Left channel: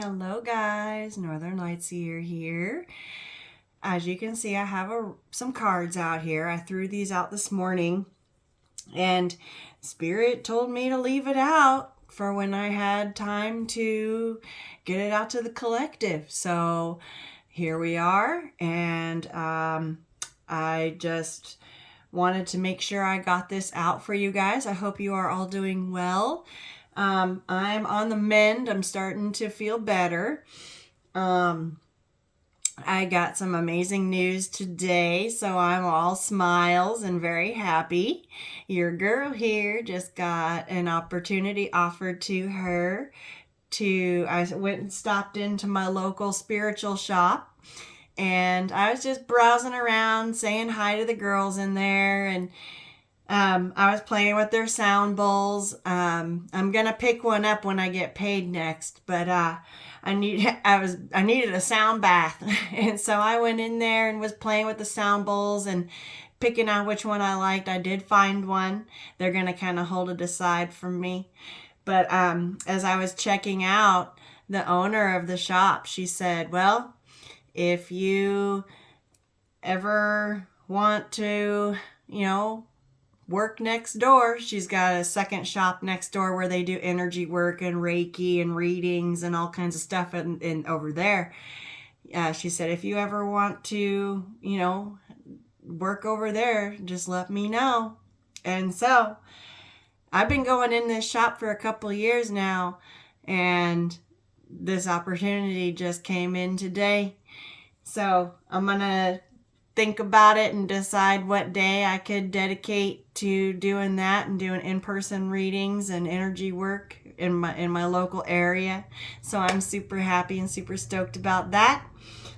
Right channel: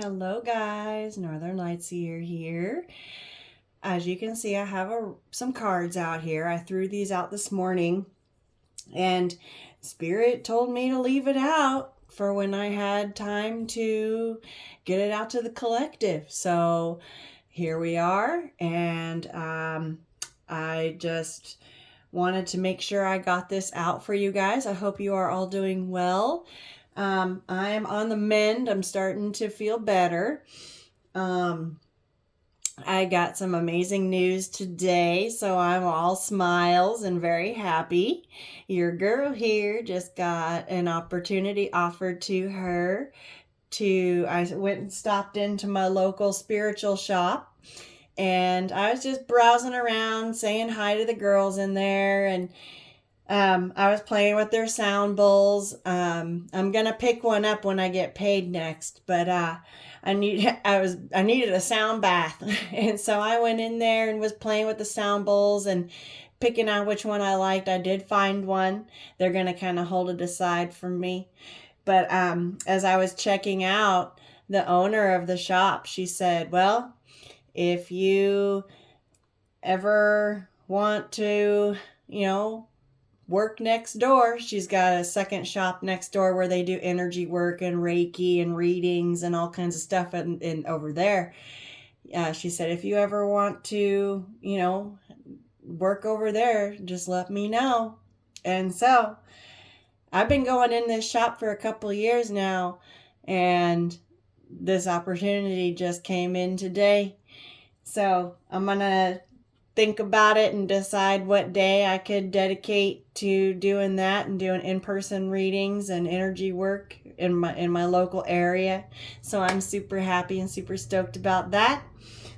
Hello guys, Northern Light Seer here. As you can see, I have some cards out here. I threw these out this morning and Spirit told me to leave it out for when I had time to get it out to the collective. So here we are, and I just wanted to make sure I got this out for you guys. I hope you are all doing well. I'm on the mend. I'm starting to feel better. I got some amazing news today, so I'm all smiles and very happy. Your girl here just got an opportunity offered to her I went and stopped into my local spiritual shop, and I was just browsing around saying hi to the girls in there, and I was playing with their sound bowls. I'm gonna pick one up when I get paid next, but I needed a sound bath, and so I went in there and was playing with the sound bowls and picking out which one I liked. I did find one. They're gonna kind of hold it aside from me, but as I was checking out, the owner of the shop, she said, "Well, if you ever want to, work next door." She's got a second shop next door where they do energy work and Reiki and readings and all kinds of stuff in over there. She said, if you ever want to, work over there, just let me know. And so I've been going in this shop for a couple of years now, and this opportunity just came in today. So I'm going to think about it and decide what day I could dedicate to doing that and doing in-person readings and energy work in my local area. So I'm super happy and super stoked about that.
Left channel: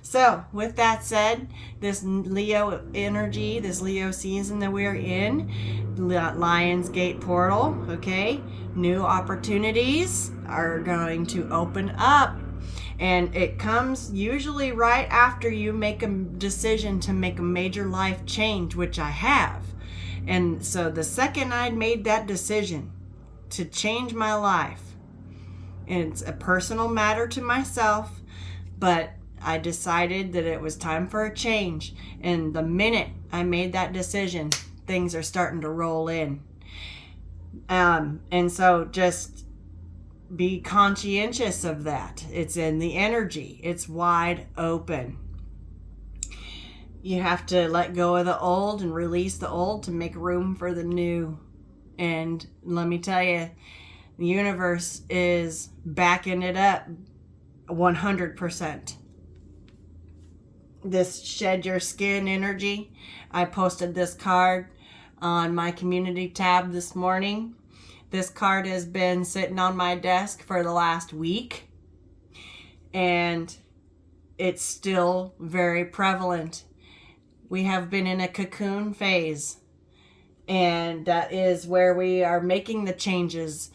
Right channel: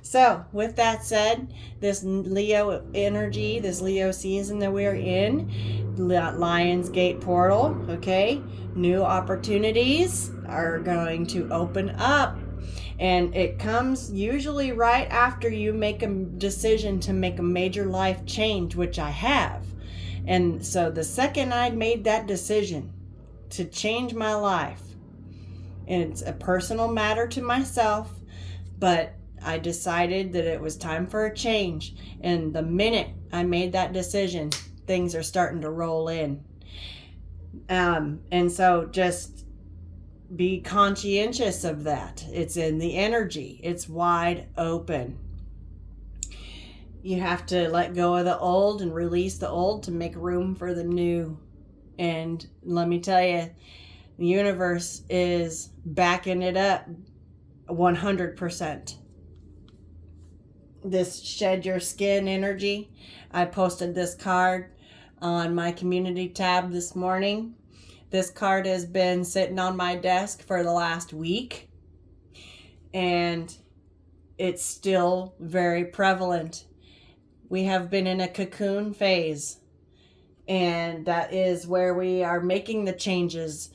So with that said, this Leo energy, this Leo season that we're in, Lion's Gate portal, okay, new opportunities are going to open up. And it comes usually right after you make a decision to make a major life change, which I have. And so the second I made that decision to change my life, and it's a personal matter to myself, but I decided that it was time for a change. And the minute I made that decision, things are starting to roll in. And so just be conscientious of that. It's in the energy. It's wide open. You have to let go of the old and release the old to make room for the new. And let me tell you, the universe is backing it up 100%. This shed your skin energy. I posted this card on my community tab this morning. This card has been sitting on my desk for the last week, and it's still very prevalent. We have been in a cocoon phase, and that is where we are making the changes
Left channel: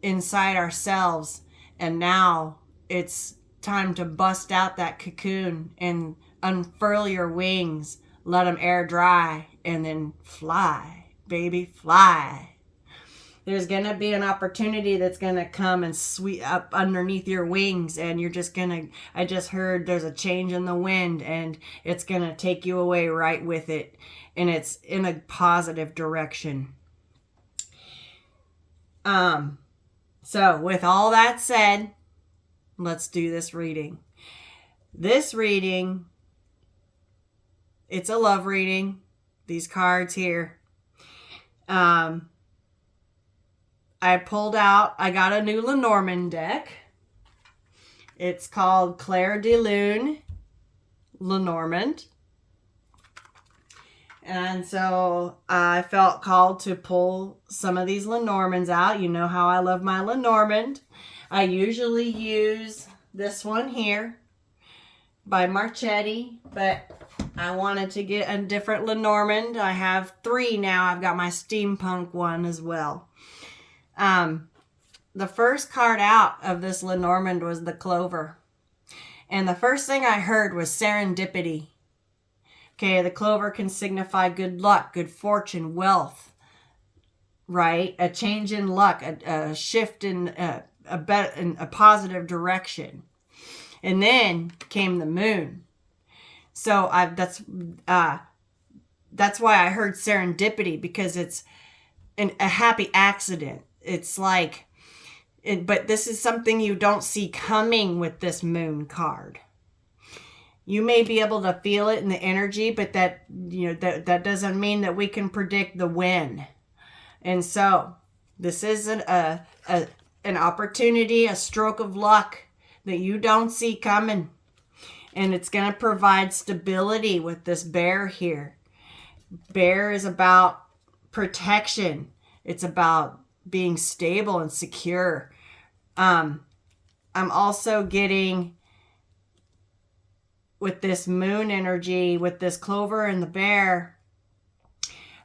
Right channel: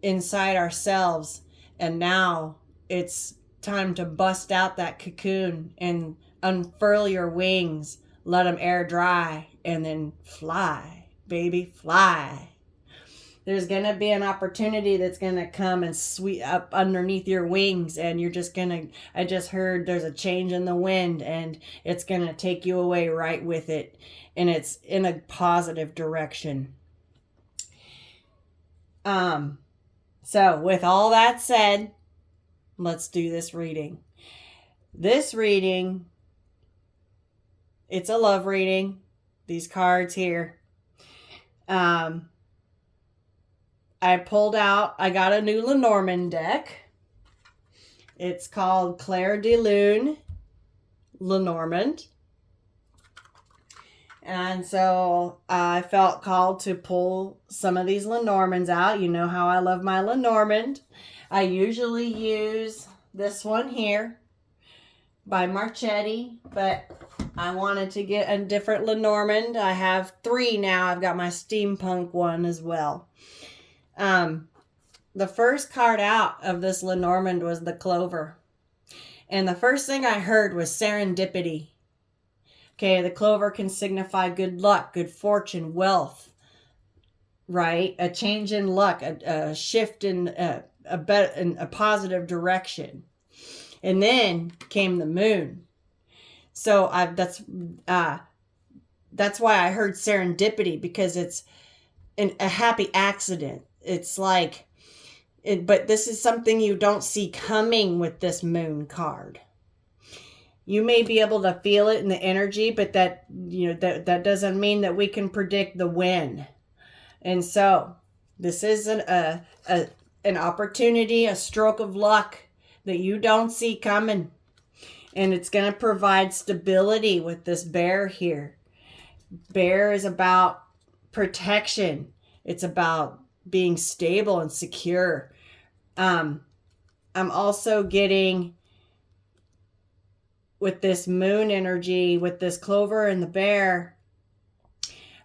inside ourselves, and now it's time to bust out that cocoon and unfurl your wings, let them air dry, and then fly, baby, fly. There's going to be an opportunity that's going to come and sweep up underneath your wings, and you're just going to, I just heard there's a change in the wind, and it's going to take you away right with it, and it's in a positive direction. So with all that said, let's do this reading. This reading, it's a love reading. These cards here. I got a new Lenormand deck. It's called Claire de Lune Lenormand. And so I felt called to pull some of these Lenormands out. You know how I love my Lenormand. I usually use this one here by Marchetti, but I wanted to get a different Lenormand. I have 3 now. I've got my steampunk one as well. The first card out of this Lenormand was the clover. And the first thing I heard was serendipity. Okay, the clover can signify good luck, good fortune, wealth, right? A change in luck, a shift in a positive direction. And then came the moon. So that's why I heard serendipity, because it's a happy accident. It's like, but this is something you don't see coming with this moon card. You may be able to feel it in the energy, but that doesn't mean that we can predict the when. And so this is an opportunity, a stroke of luck that you don't see coming. And it's going to provide stability with this bear here. Bear is about protection. It's about being stable and secure. I'm also getting, with this moon energy, with this clover and the bear,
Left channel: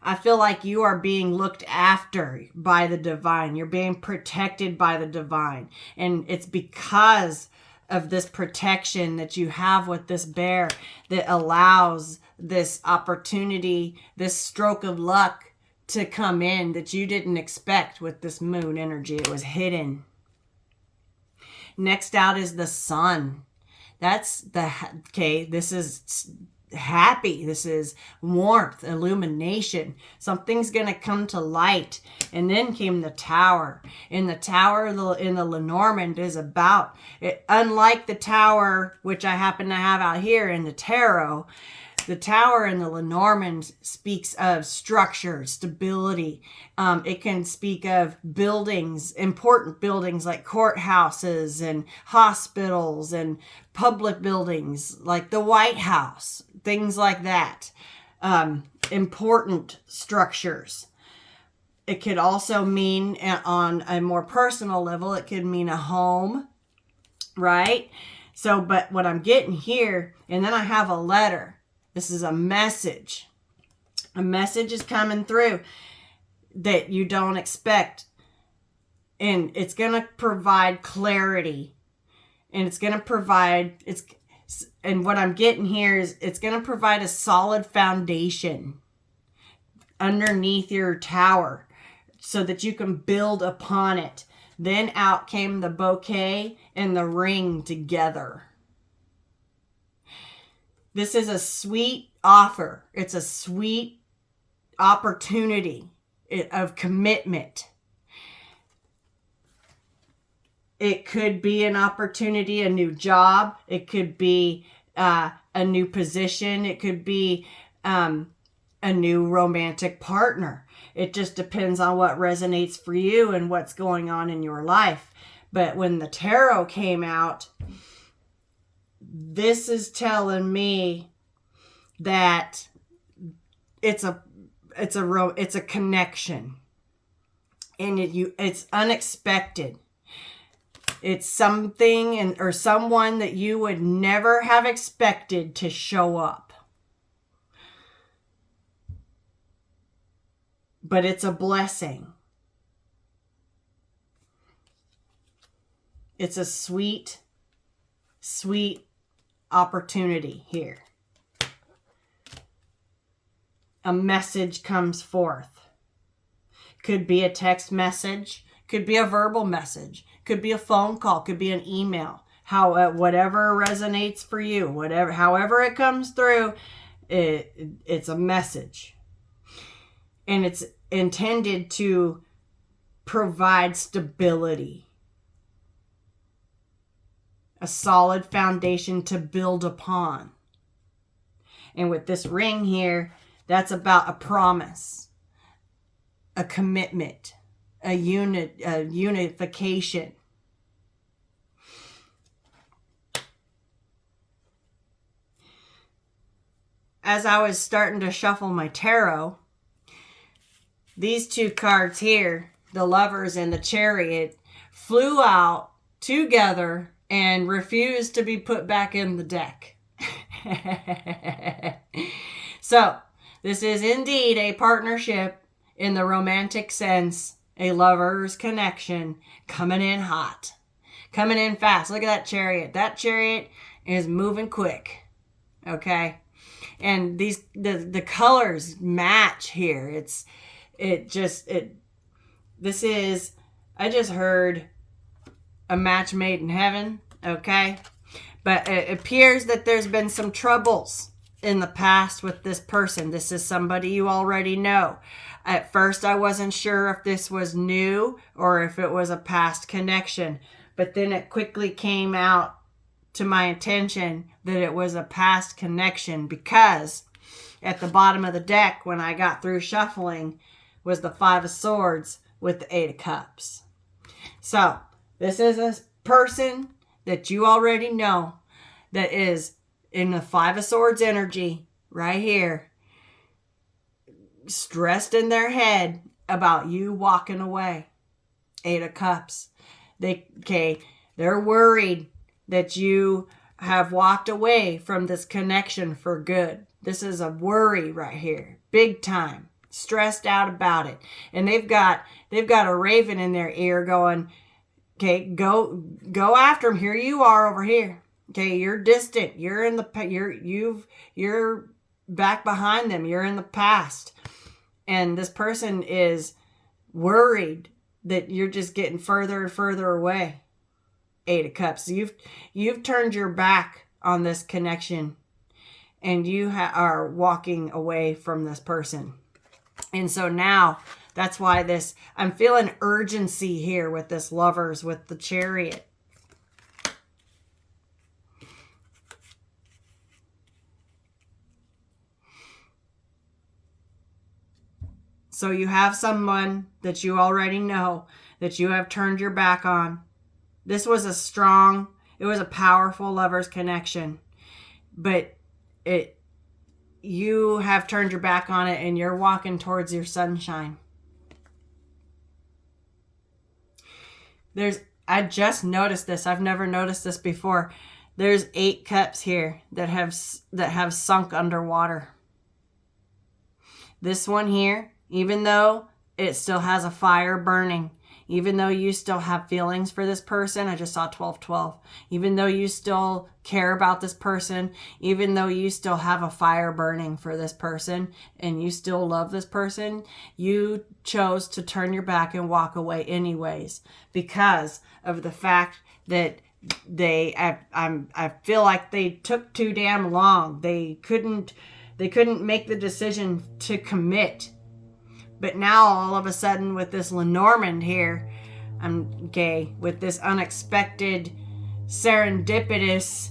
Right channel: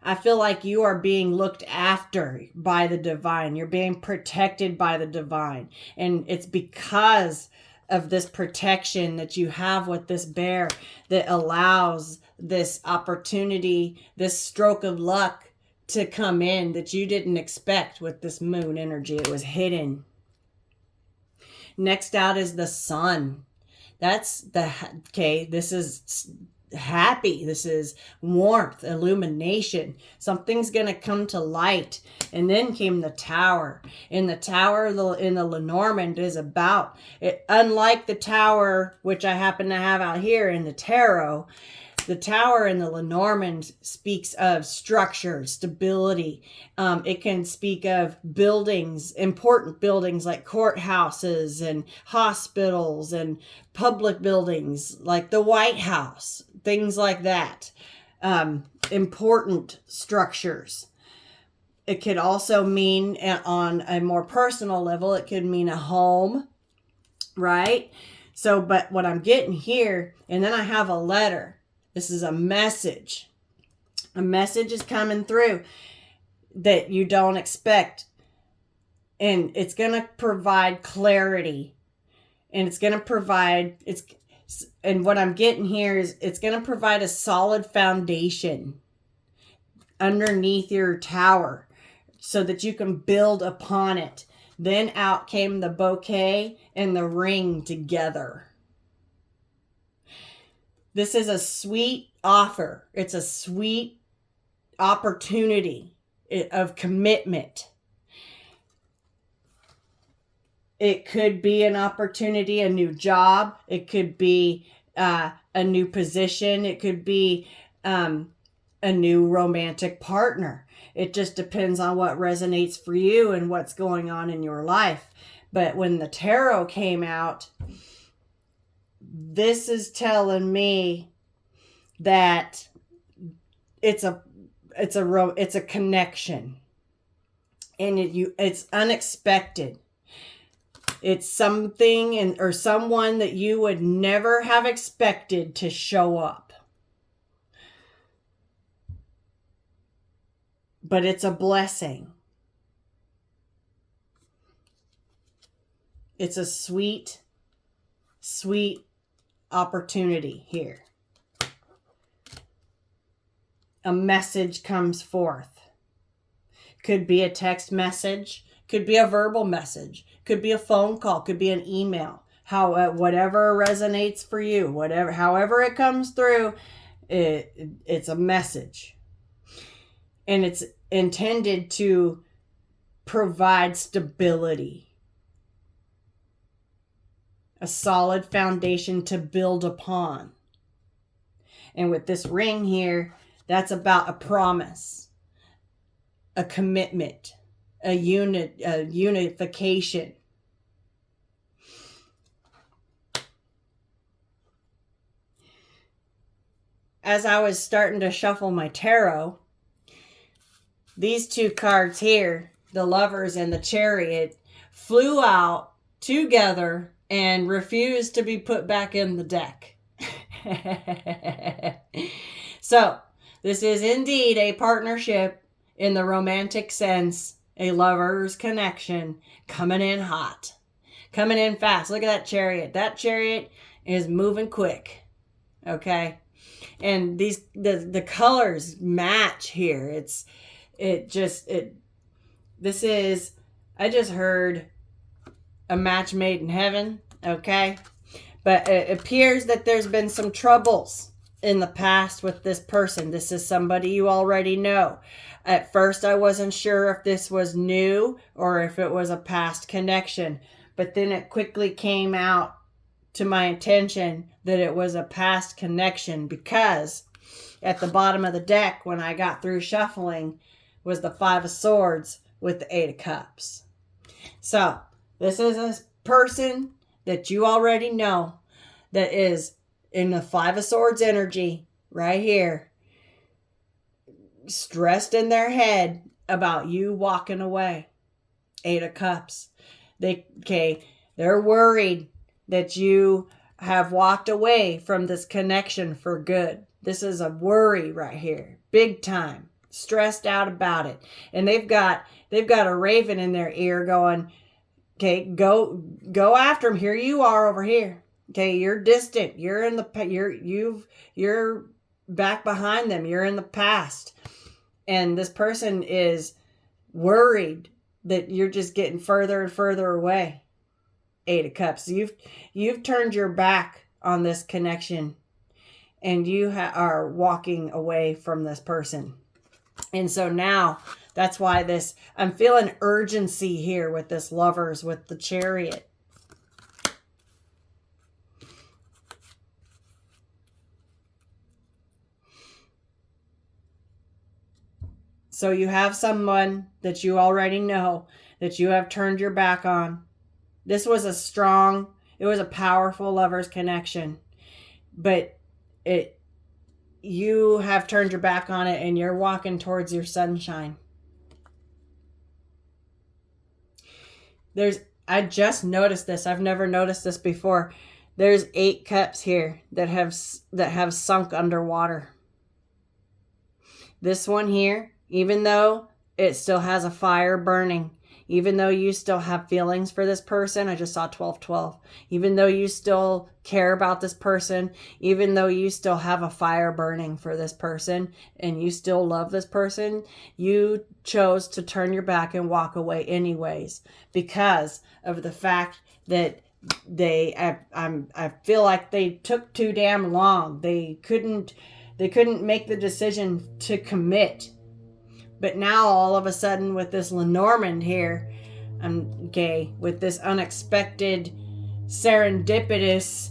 I feel like you are being looked after by the divine. You're being protected by the divine. And it's because of this protection that you have with this bear that allows this opportunity, this stroke of luck to come in that you didn't expect with this moon energy. It was hidden. Next out is the sun. This is happy. This is warmth, illumination. Something's going to come to light. And then came the tower. And the tower in the Lenormand is about, unlike the tower, which I happen to have out here in the tarot, the tower in the Lenormand speaks of structure, stability. It can speak of buildings, important buildings like courthouses and hospitals and public buildings like the White House, things like that. Important structures. It could also mean, on a more personal level, it could mean a home, right? So, but what I'm getting here, and then I have a letter. This is a message. A message is coming through that you don't expect. And it's going to provide clarity. And it's going to provide, and what I'm getting here is it's going to provide a solid foundation underneath your tower so that you can build upon it. Then out came the bouquet and the ring together. This is a sweet offer. It's a sweet opportunity of commitment. It could be an opportunity, a new job. It could be a new position. It could be a new romantic partner. It just depends on what resonates for you and what's going on in your life. But when the tarot came out, this is telling me that it's a connection, and it's unexpected. It's something or someone that you would never have expected to show up. But it's a blessing. It's a sweet, sweet opportunity here. A message comes forth. Could be a text message, could be a verbal message, could be a phone call, could be an email. Whatever resonates for you, however it comes through, it's a message. And it's intended to provide stability. A solid foundation to build upon. And with this ring here, that's about a promise, a commitment, a unification. As I was starting to shuffle my tarot, these two cards here, the Lovers and the Chariot, flew out together and refused to be put back in the deck. So, this is indeed a partnership in the romantic sense, a lover's connection, coming in hot, coming in fast. Look at that Chariot. That Chariot is moving quick, okay? And the colors match here. I just heard a match made in heaven, okay? But it appears that there's been some troubles in the past with this person. This is somebody you already know. At first, I wasn't sure if this was new or if it was a past connection. But then it quickly came out to my attention that it was a past connection, because at the bottom of the deck, when I got through shuffling, was the Five of Swords with the Eight of Cups. So this is a person that you already know that is in the Five of Swords energy right here, stressed in their head about you walking away. Eight of Cups. They're worried that you have walked away from this connection for good. This is a worry right here, big time, stressed out about it. And they've got a raven in their ear going, okay, go after him. Here you are over here. Okay, you're distant. You're in the you're back behind them. You're in the past. And this person is worried that you're just getting further and further away. Eight of Cups. You've turned your back on this connection, and you are walking away from this person. And so now that's why I'm feeling urgency here with this Lovers, with the Chariot. So you have someone that you already know that you have turned your back on. This was it was a powerful Lovers connection, but you have turned your back on it and you're walking towards your sunshine. I just noticed this. I've never noticed this before. There's 8 cups here that have sunk underwater. This one here, even though it still has a fire burning, even though you still have feelings for this person, I just saw 1212. Even though you still care about this person, even though you still have a fire burning for this person, and you still love this person, you chose to turn your back and walk away anyways, because of the fact that I feel like they took too damn long. They couldn't make the decision to commit. But now all of a sudden with this Lenormand here, with this unexpected, serendipitous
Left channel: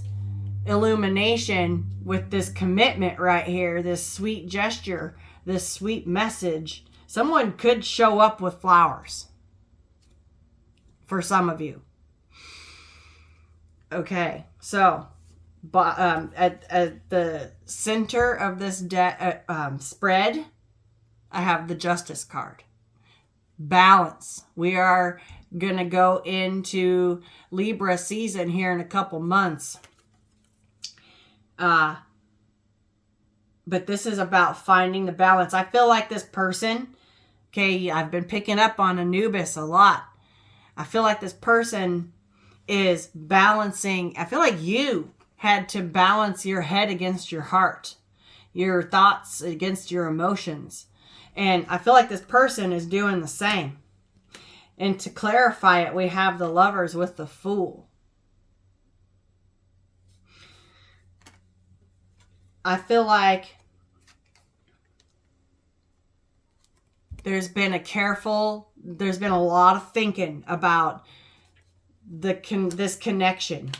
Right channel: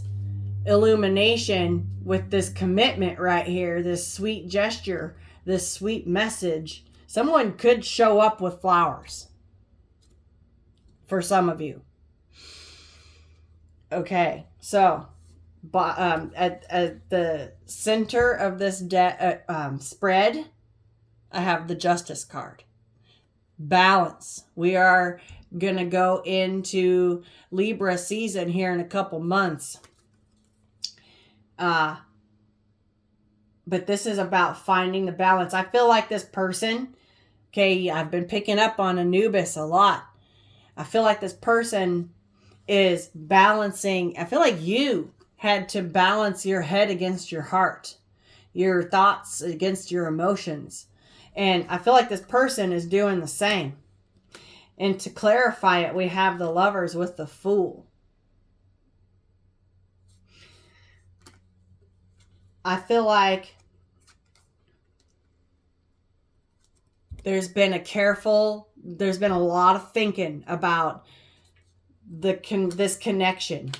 illumination, with this commitment right here, this sweet gesture, this sweet message, someone could show up with flowers for some of you. Okay, so at the center of this spread, I have the Justice card. Balance. We are going to go into Libra season here in a couple months. But this is about finding the balance. I feel like this person, I've been picking up on Anubis a lot. I feel like this person is balancing. I feel like you had to balance your head against your heart, your thoughts against your emotions. And I feel like this person is doing the same. And to clarify it, we have the Lovers with the Fool. I feel like there's been a lot of thinking about this connection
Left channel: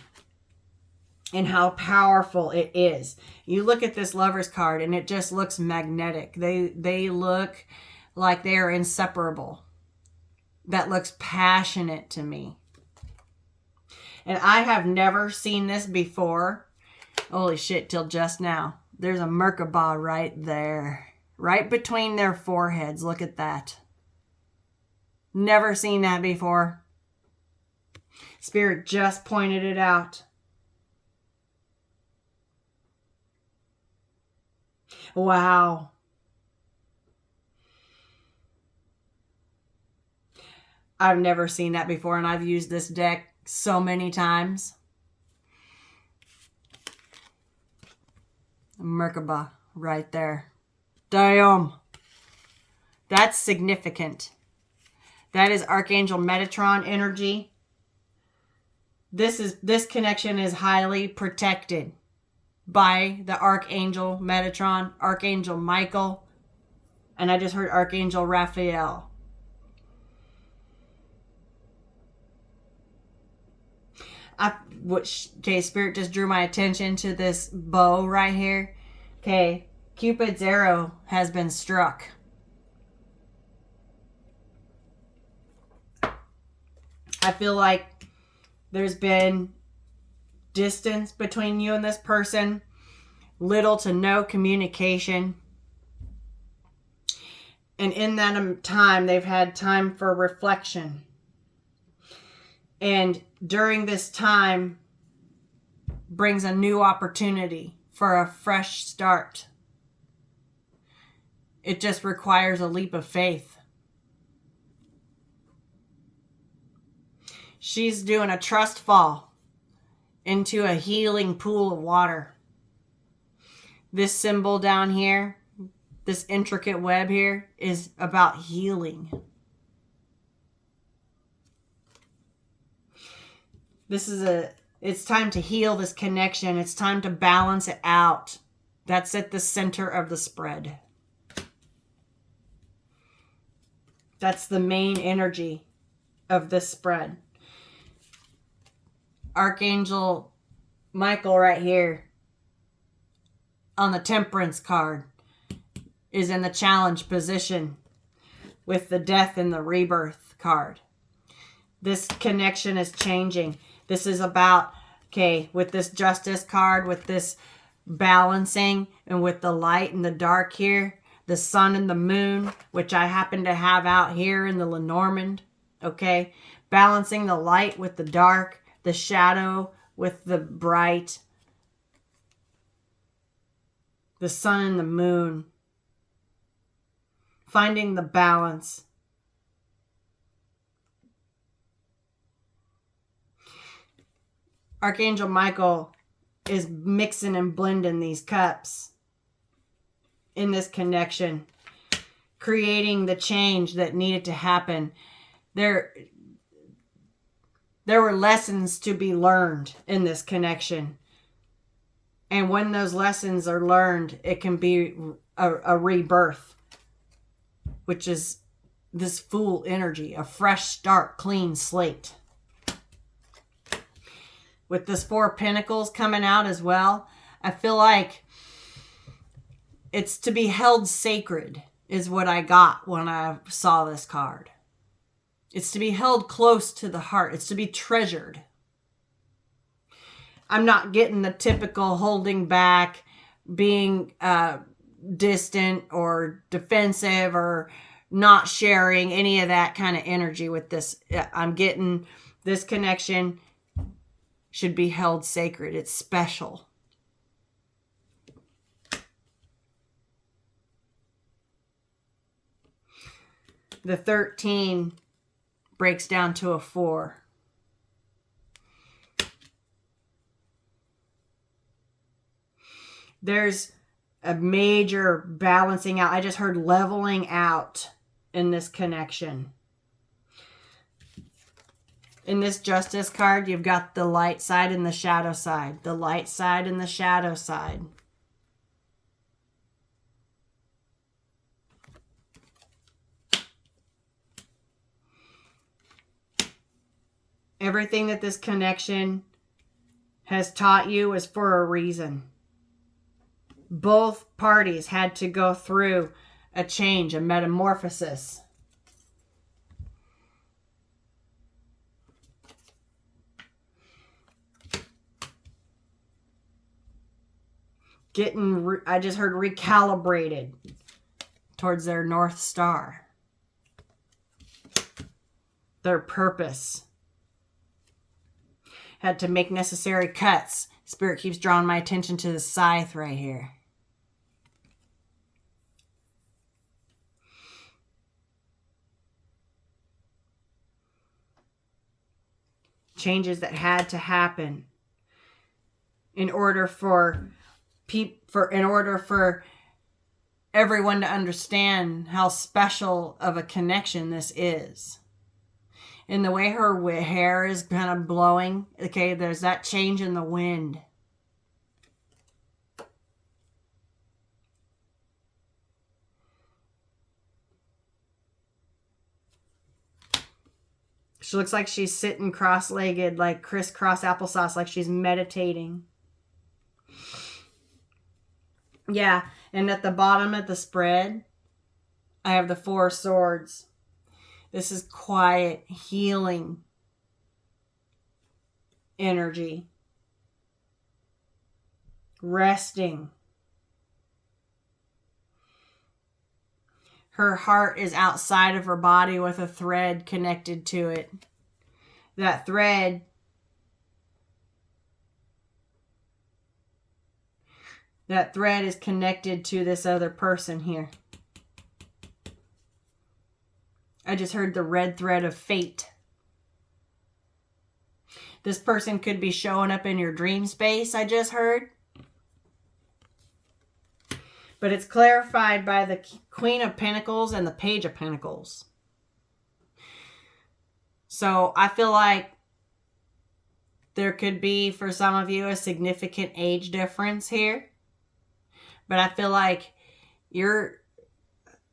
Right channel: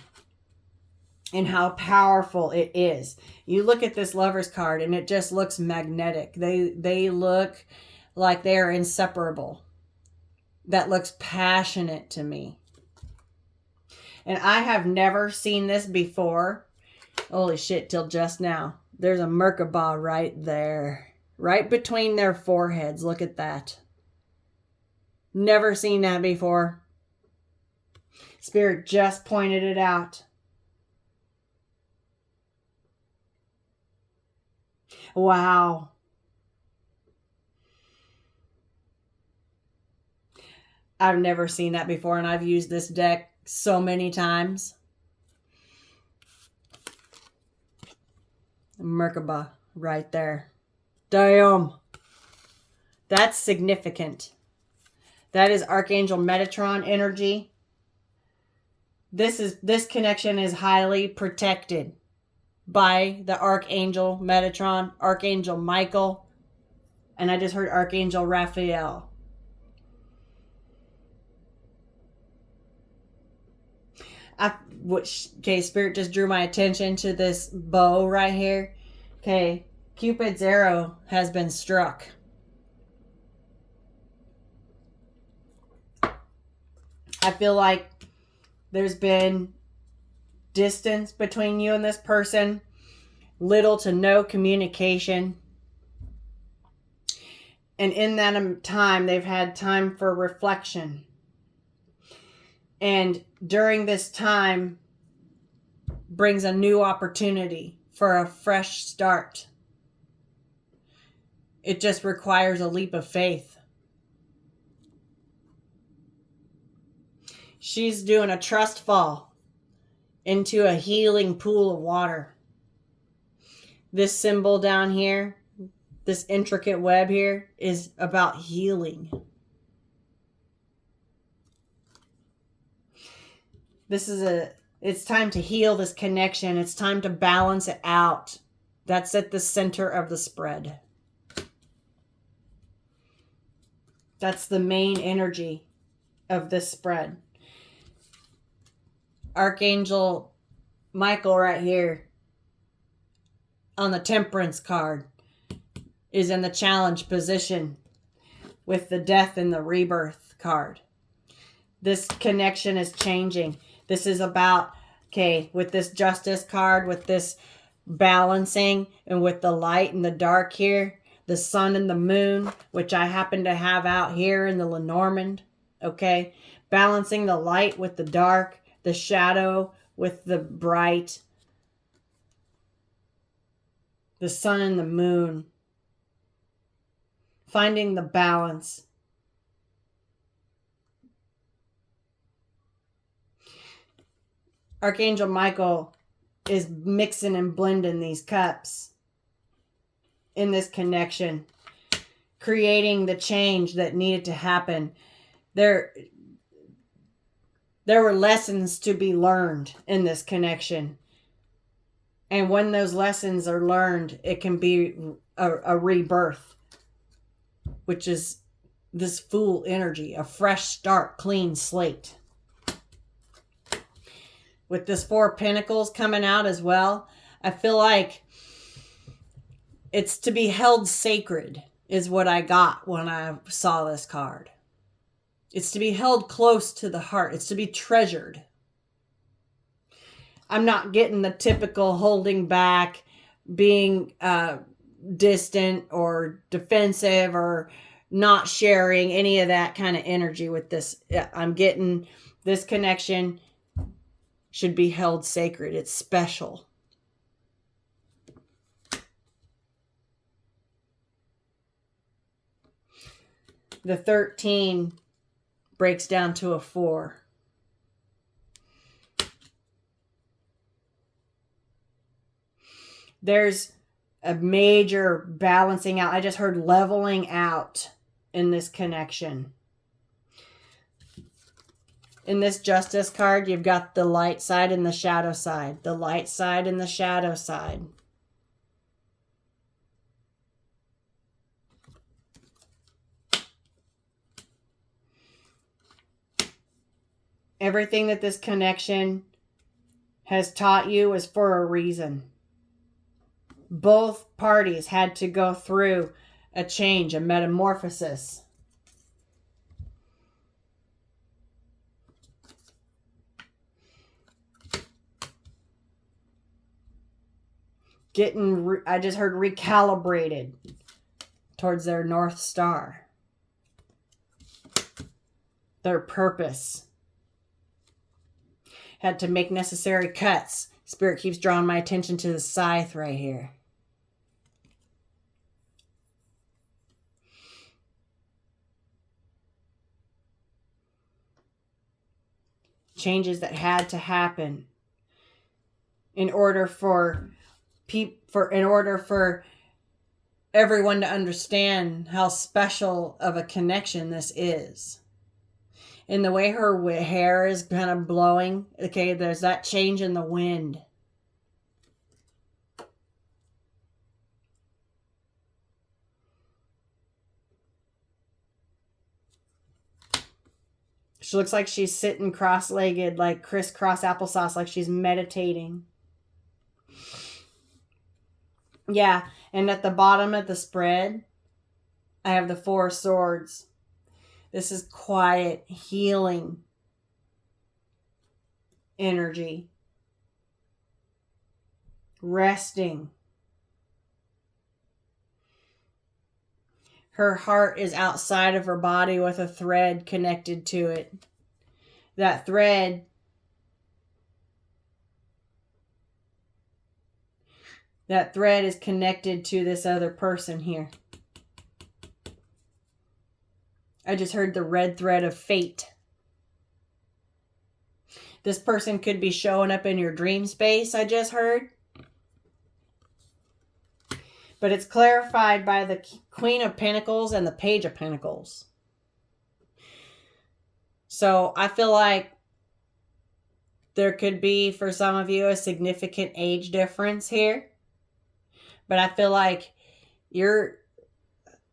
and how powerful it is. You look at this Lovers card and it just looks magnetic. They look like they are inseparable. That looks passionate to me. And I have never seen this before. Holy shit, till just now. There's a Merkaba right there. Right between their foreheads. Look at that. Never seen that before. Spirit just pointed it out. Wow. I've never seen that before, and I've used this deck so many times. Merkaba right there. Damn. That's significant. That is Archangel Metatron energy. This connection is highly protected by the Archangel Metatron, Archangel Michael, and I just heard Archangel Raphael. Okay, Spirit just drew my attention to this bow right here. Okay, Cupid's arrow has been struck. I feel like there's been distance between you and this person, little to no communication. And in that time, they've had time for reflection. And during this time brings a new opportunity for a fresh start. It just requires a leap of faith. She's doing a trust fall into a healing pool of water. This symbol down here, this intricate web here, is about healing. It's time to heal this connection. It's time to balance it out. That's at the center of the spread. That's the main energy of this spread. Archangel Michael right here on the Temperance card is in the challenge position with the Death and the Rebirth card. This connection is changing. This is about, okay, with this Justice card, with this balancing, and with the light and the dark here, the sun and the moon, which I happen to have out here in the Lenormand, okay? Balancing the light with the dark, the shadow with the bright, the sun and the moon. Finding the balance. Archangel Michael is mixing and blending these cups in this connection, creating the change that needed to happen. There were lessons to be learned in this connection. And when those lessons are learned, it can be a rebirth, which is this Fool energy, a fresh start, clean slate. With this Four of Pentacles coming out as well, I feel like it's to be held sacred is what I got when I saw this card. It's to be held close to the heart. It's to be treasured. I'm not getting the typical holding back, being distant or defensive or not sharing any of that kind of energy with this. I'm getting this connection should be held sacred. It's special. The 13 breaks down to a 4. There's a major balancing out. I just heard leveling out in this connection. In this Justice card, you've got the light side and the shadow side. The light side and the shadow side. Everything that this connection has taught you is for a reason. Both parties had to go through a change, a metamorphosis. I just heard recalibrated towards their North Star. Their purpose. Had to make necessary cuts. Spirit keeps drawing my attention to the scythe right here. Changes that had to happen in order for everyone to understand how special of a connection this is. And the way her hair is kind of blowing, okay, there's that change in the wind. She looks like she's sitting cross-legged, like crisscross applesauce, like she's meditating. Yeah, and at the bottom of the spread, I have the 4 swords. This is quiet, healing energy. Resting. Her heart is outside of her body with a thread connected to it. That thread is connected to this other person here. I just heard the red thread of fate. This person could be showing up in your dream space, I just heard. But it's clarified by the Queen of Pentacles and the Page of Pentacles. So I feel like there could be, for some of you, a significant age difference here. But I feel like you're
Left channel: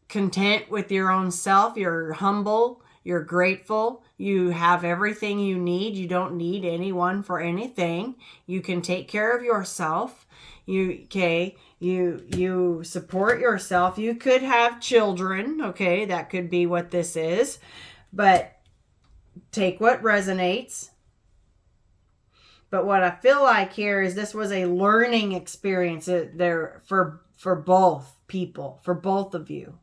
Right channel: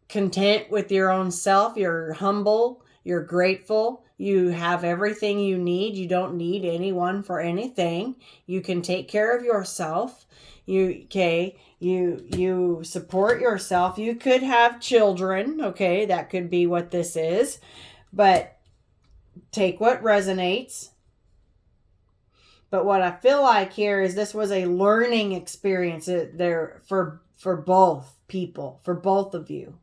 content with your own self. You're humble. You're grateful. You have everything you need. You don't need anyone for anything. You can take care of yourself. You support yourself. You could have children. Okay, that could be what this is. But take what resonates. But what I feel like here is this was a learning experience there for both people, for both of you.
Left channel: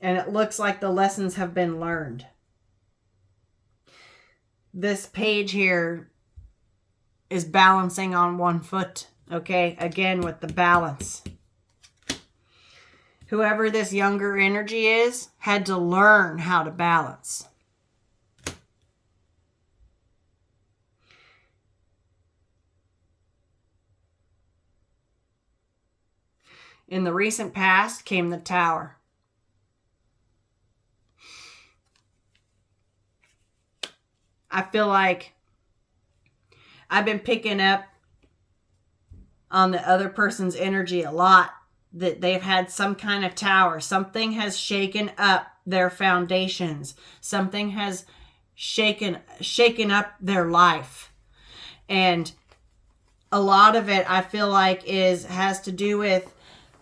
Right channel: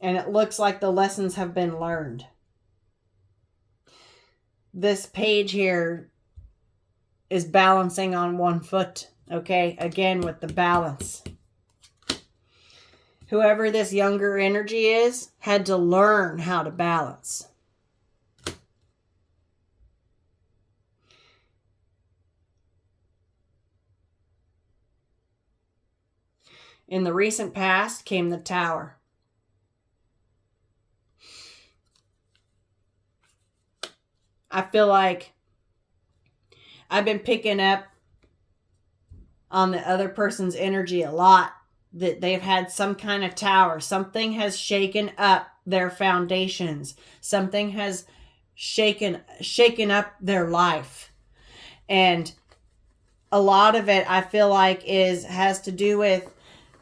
And it looks like the lessons have been learned. This page here is balancing on one foot. Okay, again with the balance. Whoever this younger energy is had to learn how to balance. In the recent past came the Tower. I feel like I've been picking up on the other person's energy a lot. That they've had some kind of tower. Something has shaken up their foundations. Something has shaken up their life. And a lot of it, I feel like, has to do with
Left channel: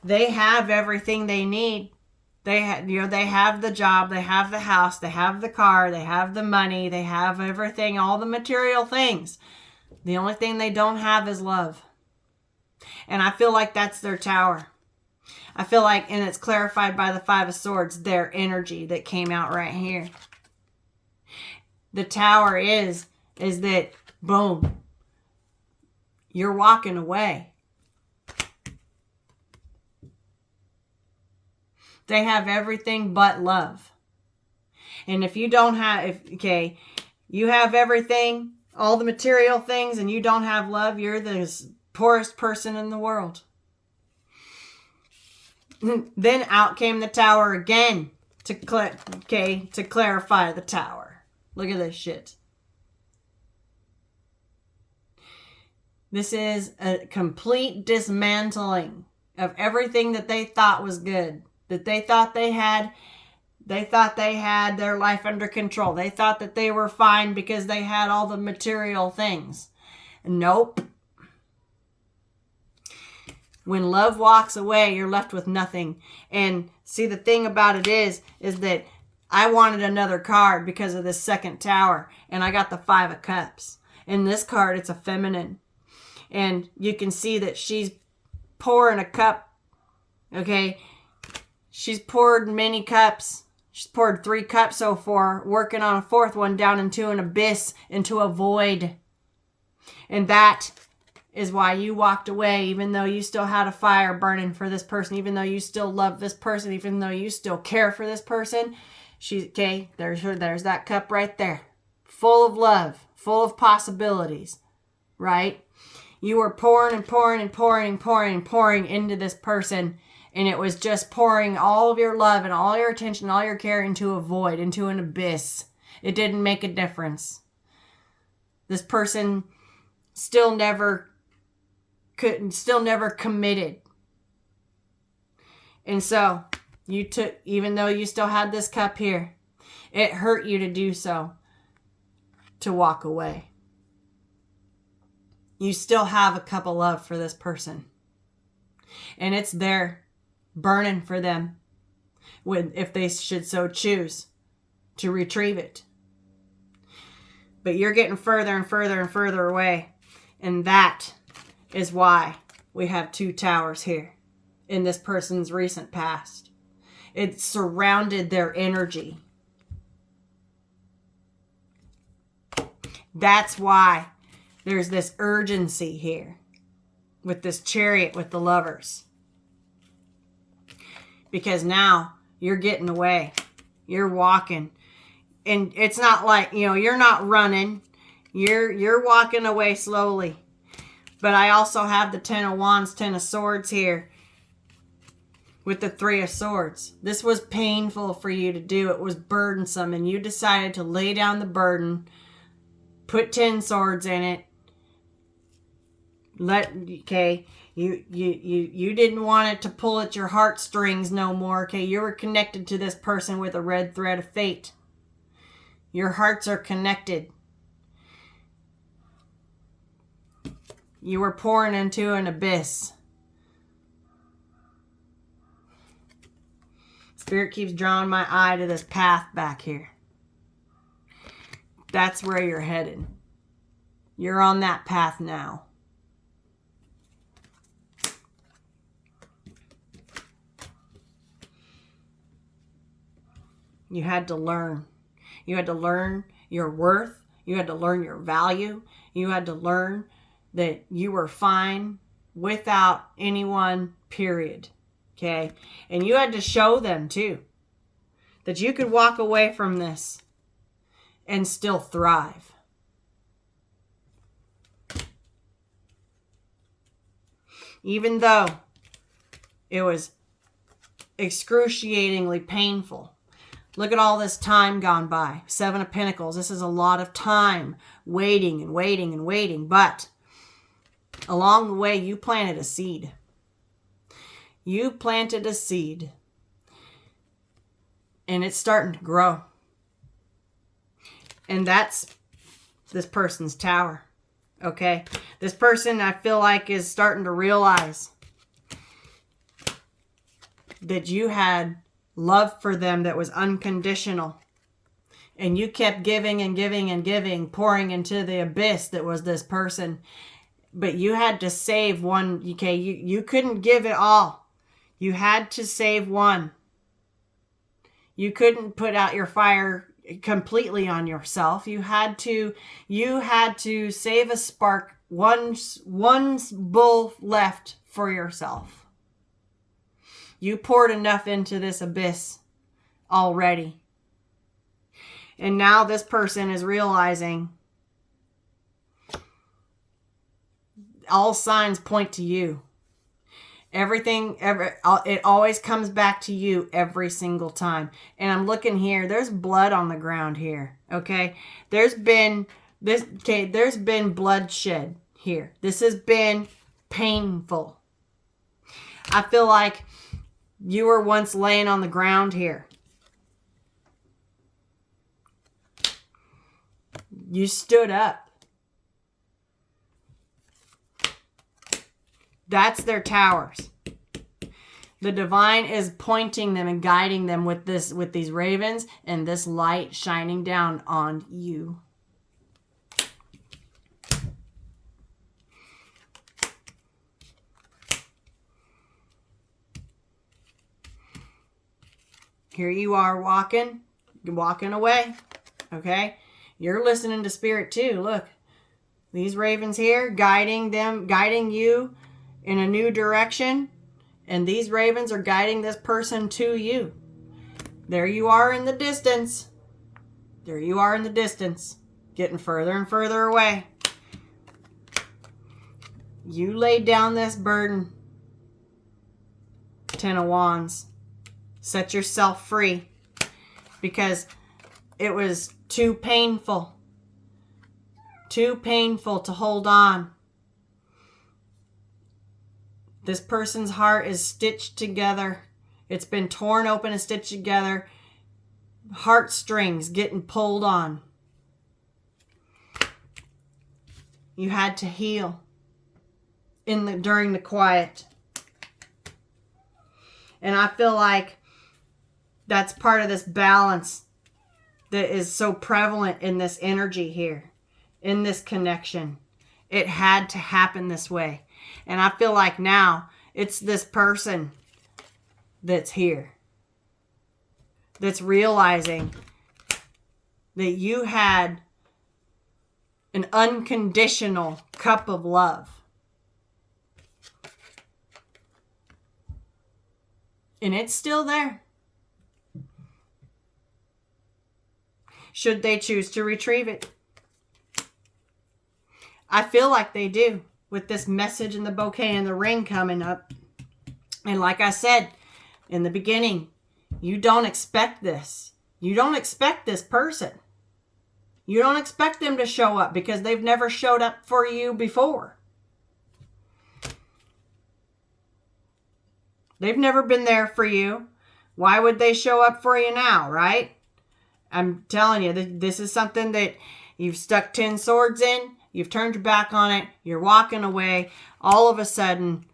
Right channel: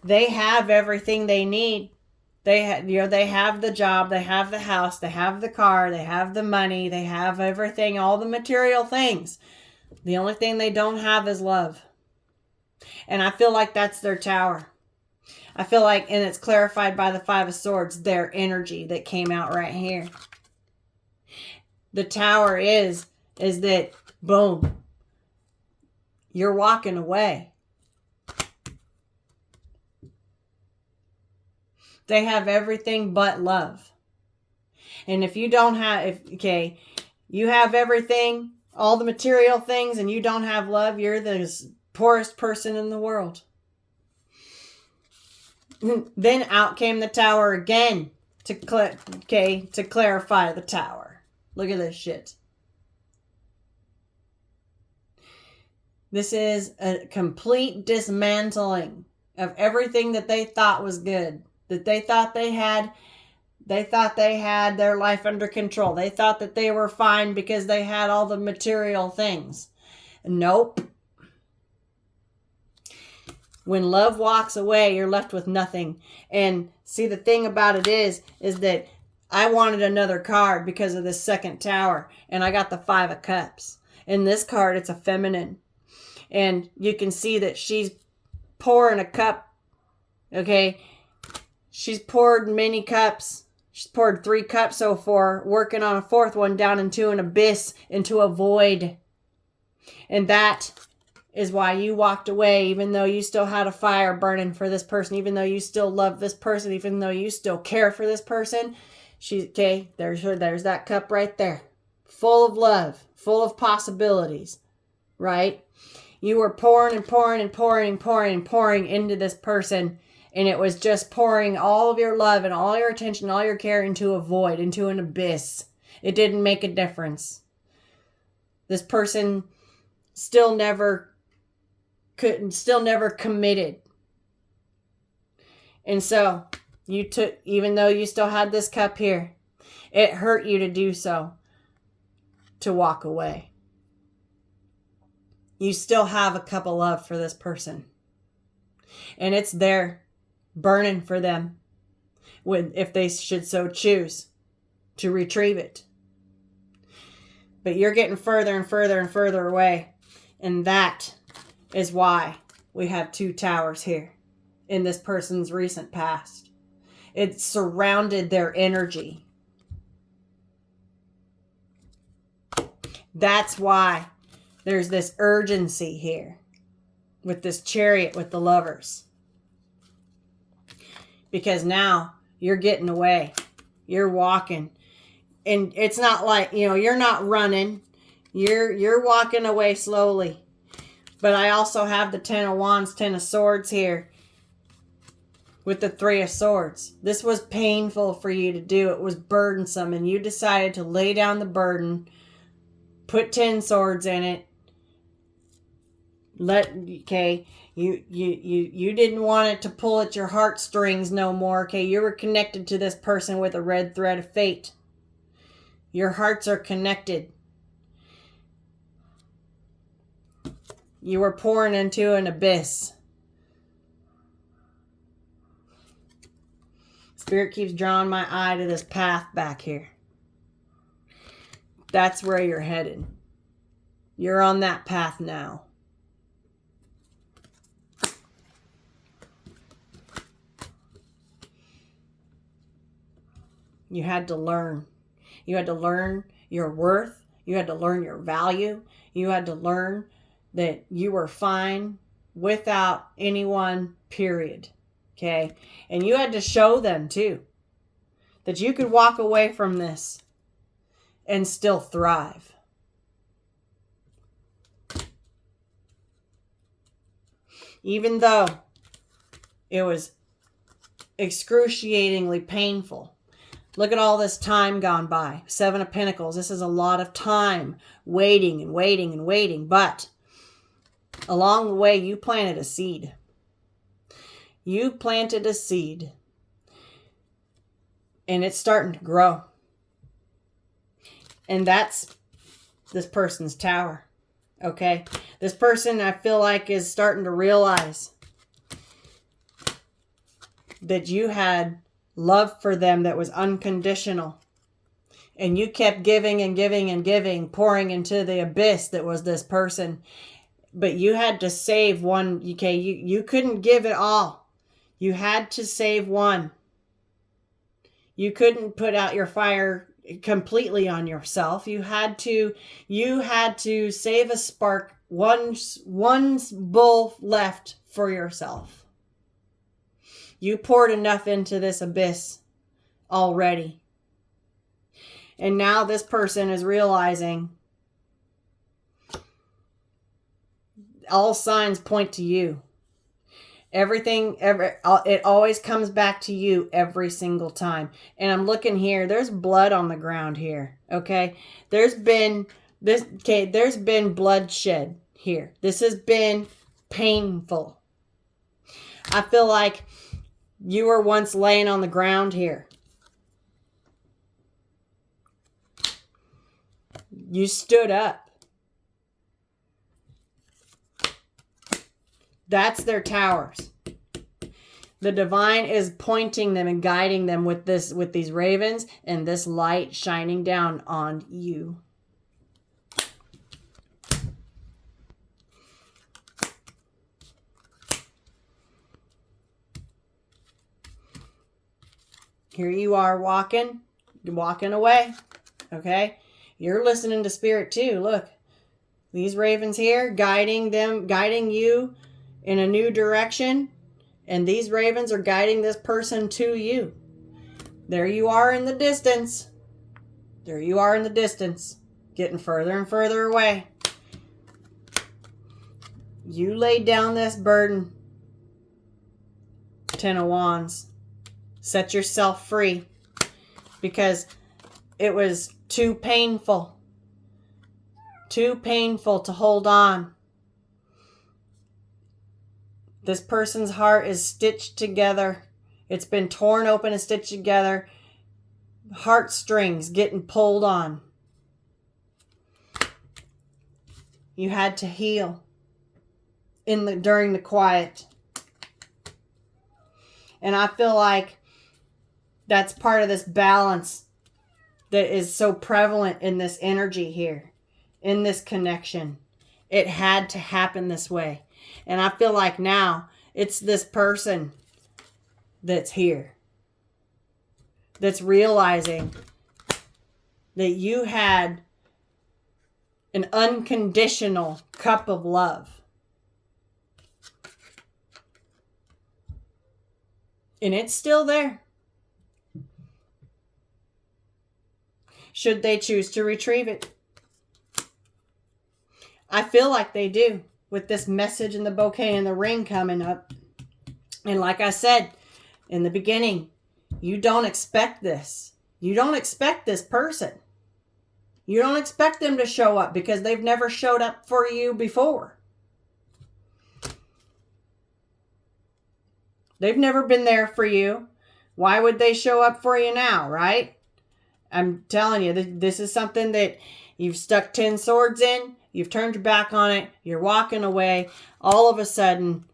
they have everything they need. They have the job, they have the house, they have the car, they have the money, they have everything, all the material things. The only thing they don't have is love. And I feel like that's their tower. I feel like, and it's clarified by the 5 of Swords, their energy that came out right here. The Tower is that, boom, you're walking away. They have everything but love. And if you don't have, you have everything, all the material things, and you don't have love, you're the poorest person in the world. Then out came the Tower again to clarify the Tower. Look at this shit. This is a complete dismantling of everything that they thought was good. That they thought they had their life under control. They thought that they were fine because they had all the material things. Nope. When love walks away, you're left with nothing. And see, the thing about it is that I wanted another card because of this second Tower. And I got the 5 of Cups. In this card, it's a feminine. And you can see that she's pouring a cup. Okay. She's poured many cups. She's poured 3 cups so far, working on a 4th one down into an abyss, into a void. And that is why you walked away, even though you still had a fire burning for this person, even though you still love this person, even though you still care for this person. There's that cup right there. Full of love, full of possibilities, right? You were pouring and pouring and pouring and pouring and pouring into this person, And it was just pouring all of your love and all your attention, all your care into a void, into an abyss. It didn't make a difference. This person still never committed. And so you took, even though you still had this cup here, it hurt you to do so, to walk away. You still have a cup of love for this person. And it's there, burning for them, if they should so choose to retrieve it. But you're getting further and further and further away. And that is why we have 2 towers here in this person's recent past. It surrounded their energy. That's why there's this urgency here with this Chariot with the Lovers. Because now you're getting away. You're walking. And it's not like, you're not running. You're walking away slowly. But I also have the 10 of Wands, 10 of Swords here with the 3 of Swords. This was painful for you to do. It was burdensome, and you decided to lay down the burden, put 10 swords in it. You didn't want it to pull at your heartstrings no more. Okay, you were connected to this person with a red thread of fate. Your hearts are connected. You were pouring into an abyss. Spirit keeps drawing my eye to this path back here. That's where you're headed. You're on that path now. You had to learn. You had to learn your worth. You had to learn your value. You had to learn that you were fine without anyone, period. Okay? And you had to show them too that you could walk away from this and still thrive. Even though it was excruciatingly painful. Look at all this time gone by. 7 of Pentacles. This is a lot of time waiting and waiting and waiting. But along the way, you planted a seed. You planted a seed. And it's starting to grow. And that's this person's tower. Okay? This person, I feel like, is starting to realize that you had love for them that was unconditional. And you kept giving and giving and giving, pouring into the abyss that was this person. But you had to save one. Okay, you couldn't give it all. You had to save one. You couldn't put out your fire completely on yourself. You had to save a spark, one bull left for yourself. You poured enough into this abyss already. And now this person is realizing all signs point to you. It always comes back to you every single time. And I'm looking here, there's blood on the ground here. Okay? There's been bloodshed here. This has been painful. I feel like you were once laying on the ground here. You stood up. That's their towers. The divine is pointing them and guiding them with these ravens and this light shining down on you. Here you are walking away. Okay? You're listening to Spirit too. Look, these ravens here guiding you in a new direction. And these ravens are guiding this person to you. There you are in the distance. There you are in the distance. Getting further and further away. You laid down this burden. Ten of Wands. Set yourself free because it was too painful. Too painful to hold on. This person's heart is stitched together. It's been torn open and stitched together. Heartstrings getting pulled on. You had to heal during the quiet. And I feel like that's part of this balance that is so prevalent in this energy here, in this connection. It had to happen this way. And I feel like now it's this person that's here, that's realizing that you had an unconditional cup of love. And it's still there. Should they choose to retrieve it? I feel like they do with this message and the bouquet and the ring coming up. And like I said in the beginning, you don't expect this. You don't expect this person. You don't expect them to show up because they've never showed up for you before. They've never been there for you. Why would they show up for you now, right? I'm telling you, this is something that you've stuck 10 swords in. You've turned your back on it. You're walking away. All of a sudden,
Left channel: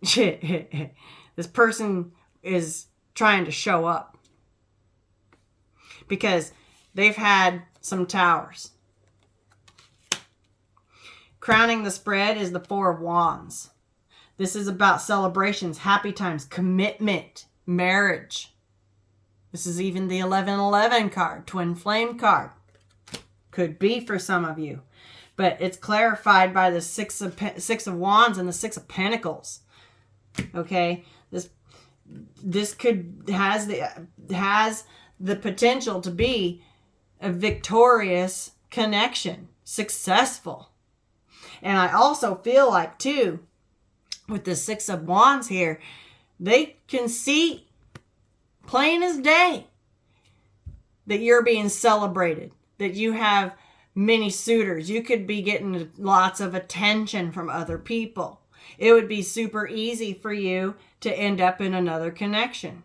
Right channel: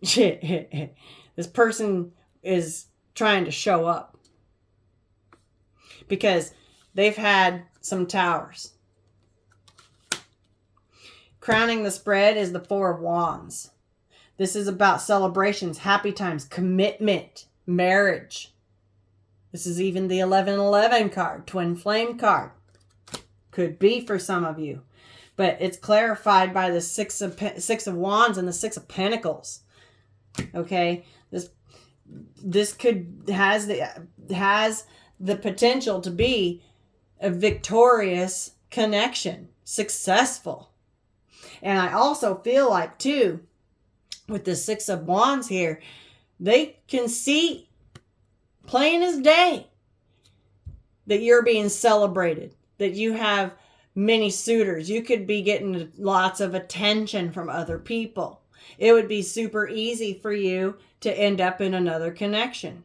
this person is trying to show up. Because they've had some towers. Crowning the spread is the Four of Wands. This is about celebrations, happy times, commitment, marriage. This is even the 1111 card, twin flame card. Could be for some of you. But it's clarified by the Six of Wands and the Six of Pentacles. Okay? This has the potential to be a victorious connection, successful. And I also feel like too, with the Six of Wands here, they can see plain as day that you're being celebrated, that you have many suitors. You could be getting lots of attention from other people. It would be super easy for you to end up in another connection.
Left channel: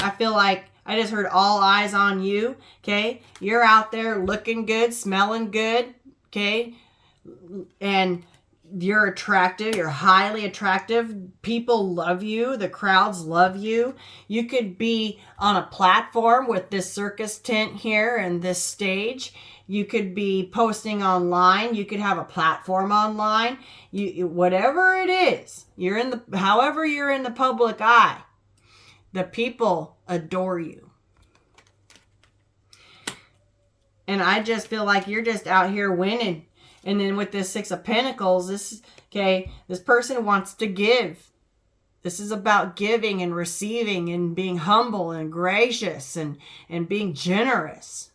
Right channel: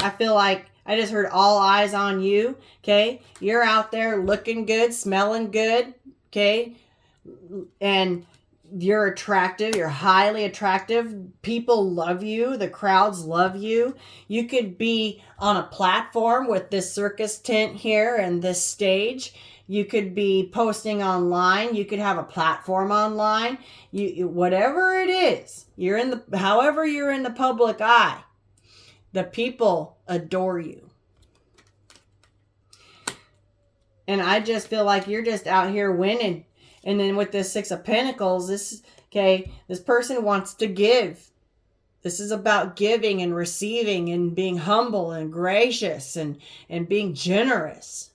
I feel like I just heard all eyes on you, okay? You're out there looking good, smelling good, okay? And you're attractive. You're highly attractive. People love you. The crowds love you. You could be on a platform with this circus tent here and this stage. You could be posting online. You could have a platform online. Whatever it is, however you're in the public eye, the people adore you. And I just feel like you're just out here winning. And then with this Six of Pentacles, this person wants to give. This is about giving and receiving and being humble and gracious and being generous.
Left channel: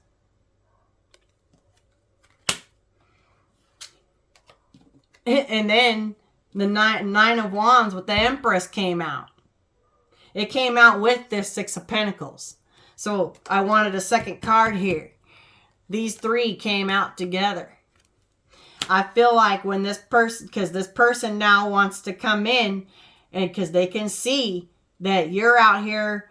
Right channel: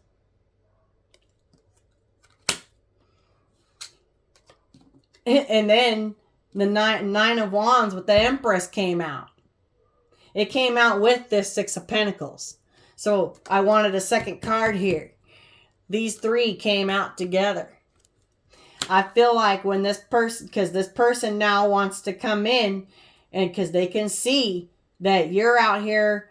And then the Nine of Wands with the Empress came out. It came out with this Six of Pentacles. So I wanted a second card here. These three came out together. I feel like when this person now wants to come in, and because they can see that you're out here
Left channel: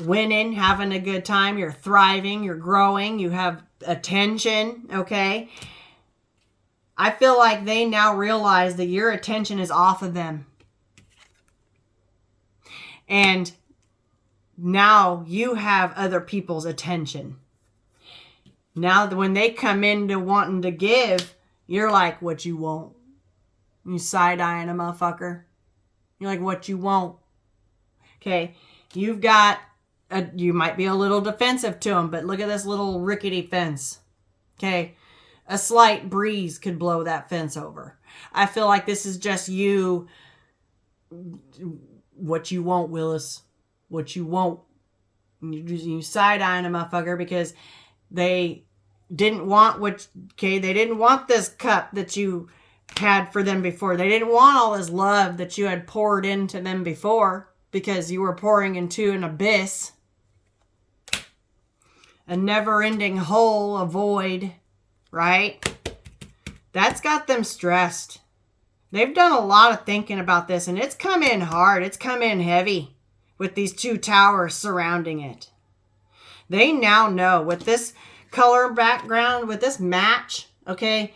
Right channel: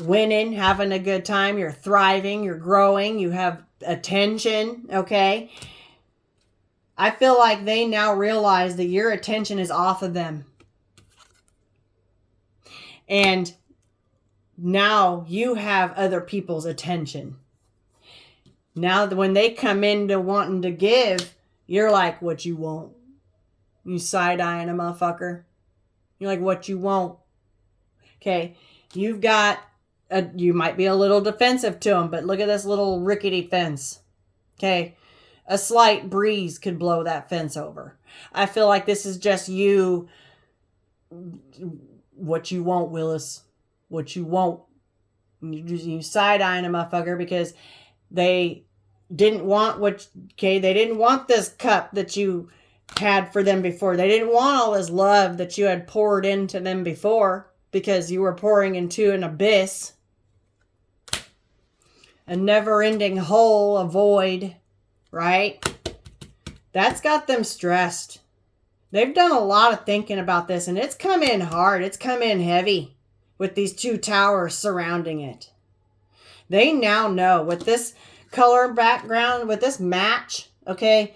winning, having a good time, you're thriving, you're growing, you have attention, okay? I feel like they now realize that your attention is off of them. And now you have other people's attention. Now when they come into wanting to give, you're like, what you want? You side-eyeing a motherfucker. You're like, what you want? Okay, you might be a little defensive to them, but look at this little rickety fence. Okay, a slight breeze could blow that fence over. I feel like this is just you. What you want, Willis? What you want? You side-eyeing a motherfucker because they didn't want they didn't want this cup that you had for them before. They didn't want all this love that you had poured into them before, because you were pouring into an abyss, a never-ending hole, a void, right? That's got them stressed. They've done a lot of thinking about this, and it's come in hard. It's come in heavy with these two towers surrounding it. They now know with this color background, with this match, okay,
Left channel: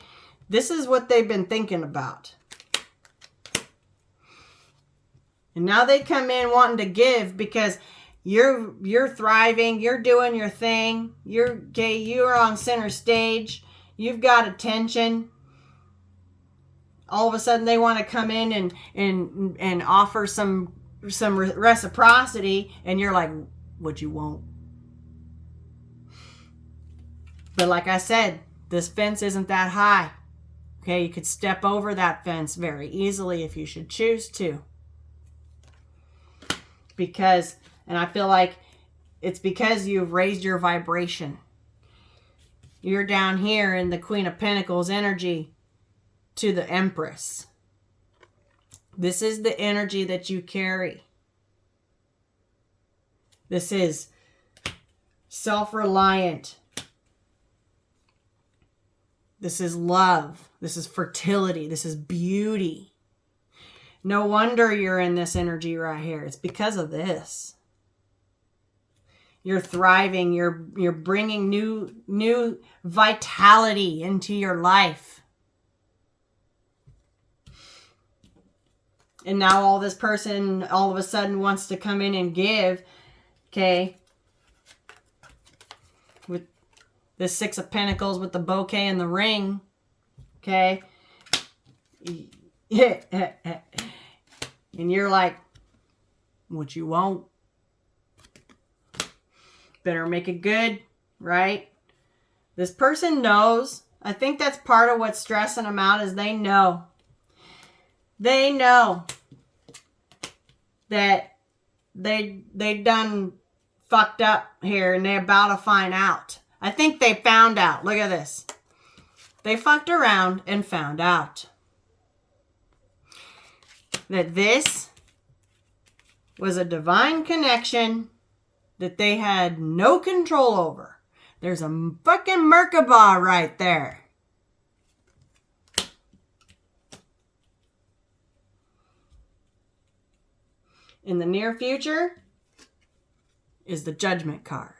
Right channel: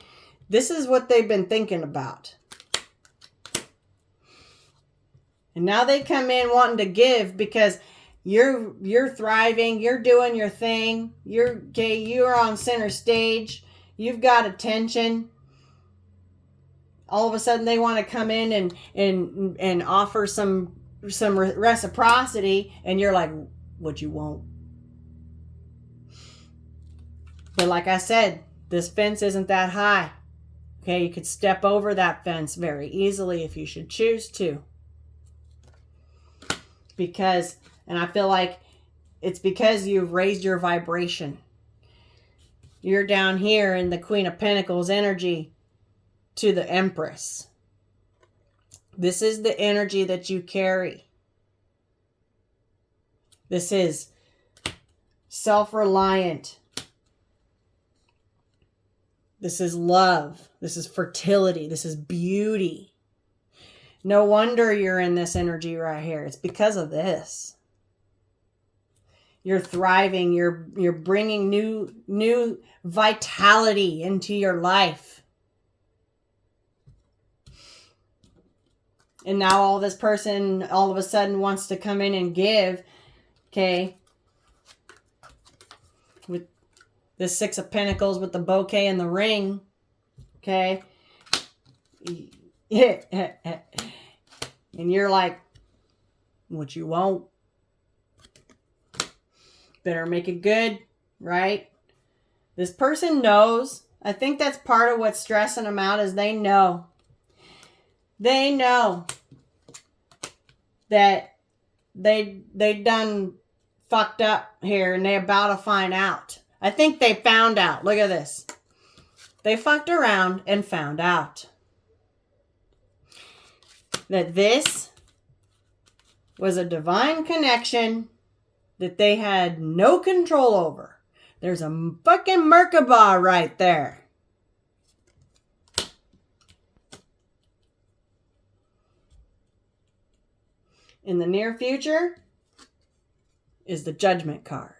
this is what they've been thinking about. And now they come in wanting to give because you're thriving, you're doing your thing, you're on center stage, you've got attention. All of a sudden they want to come in and offer some reciprocity, and you're like, what you want? But like I said, this fence isn't that high. Okay, you could step over that fence very easily if you should choose to. Because, and I feel like it's because you've raised your vibration. You're down here in the Queen of Pentacles energy to the Empress. This is the energy that you carry. This is self-reliant. This is love. This is fertility. This is beauty. No wonder you're in this energy right here. It's because of this. You're thriving. You're bringing new vitality into your life. And now all this person all of a sudden wants to come in and give. Okay. With the Six of Pentacles with the bouquet and the ring. Okay. Yeah. And you're like, what you want? Better make it good, right? This person knows. I think that's part of what's stressing them out is they know. They know that they done fucked up here and they about to find out. I think they found out. Look at this. They fucked around and found out that this was a divine connection that they had no control over. There's a fucking Merkaba right there. In the near future is the Judgment card.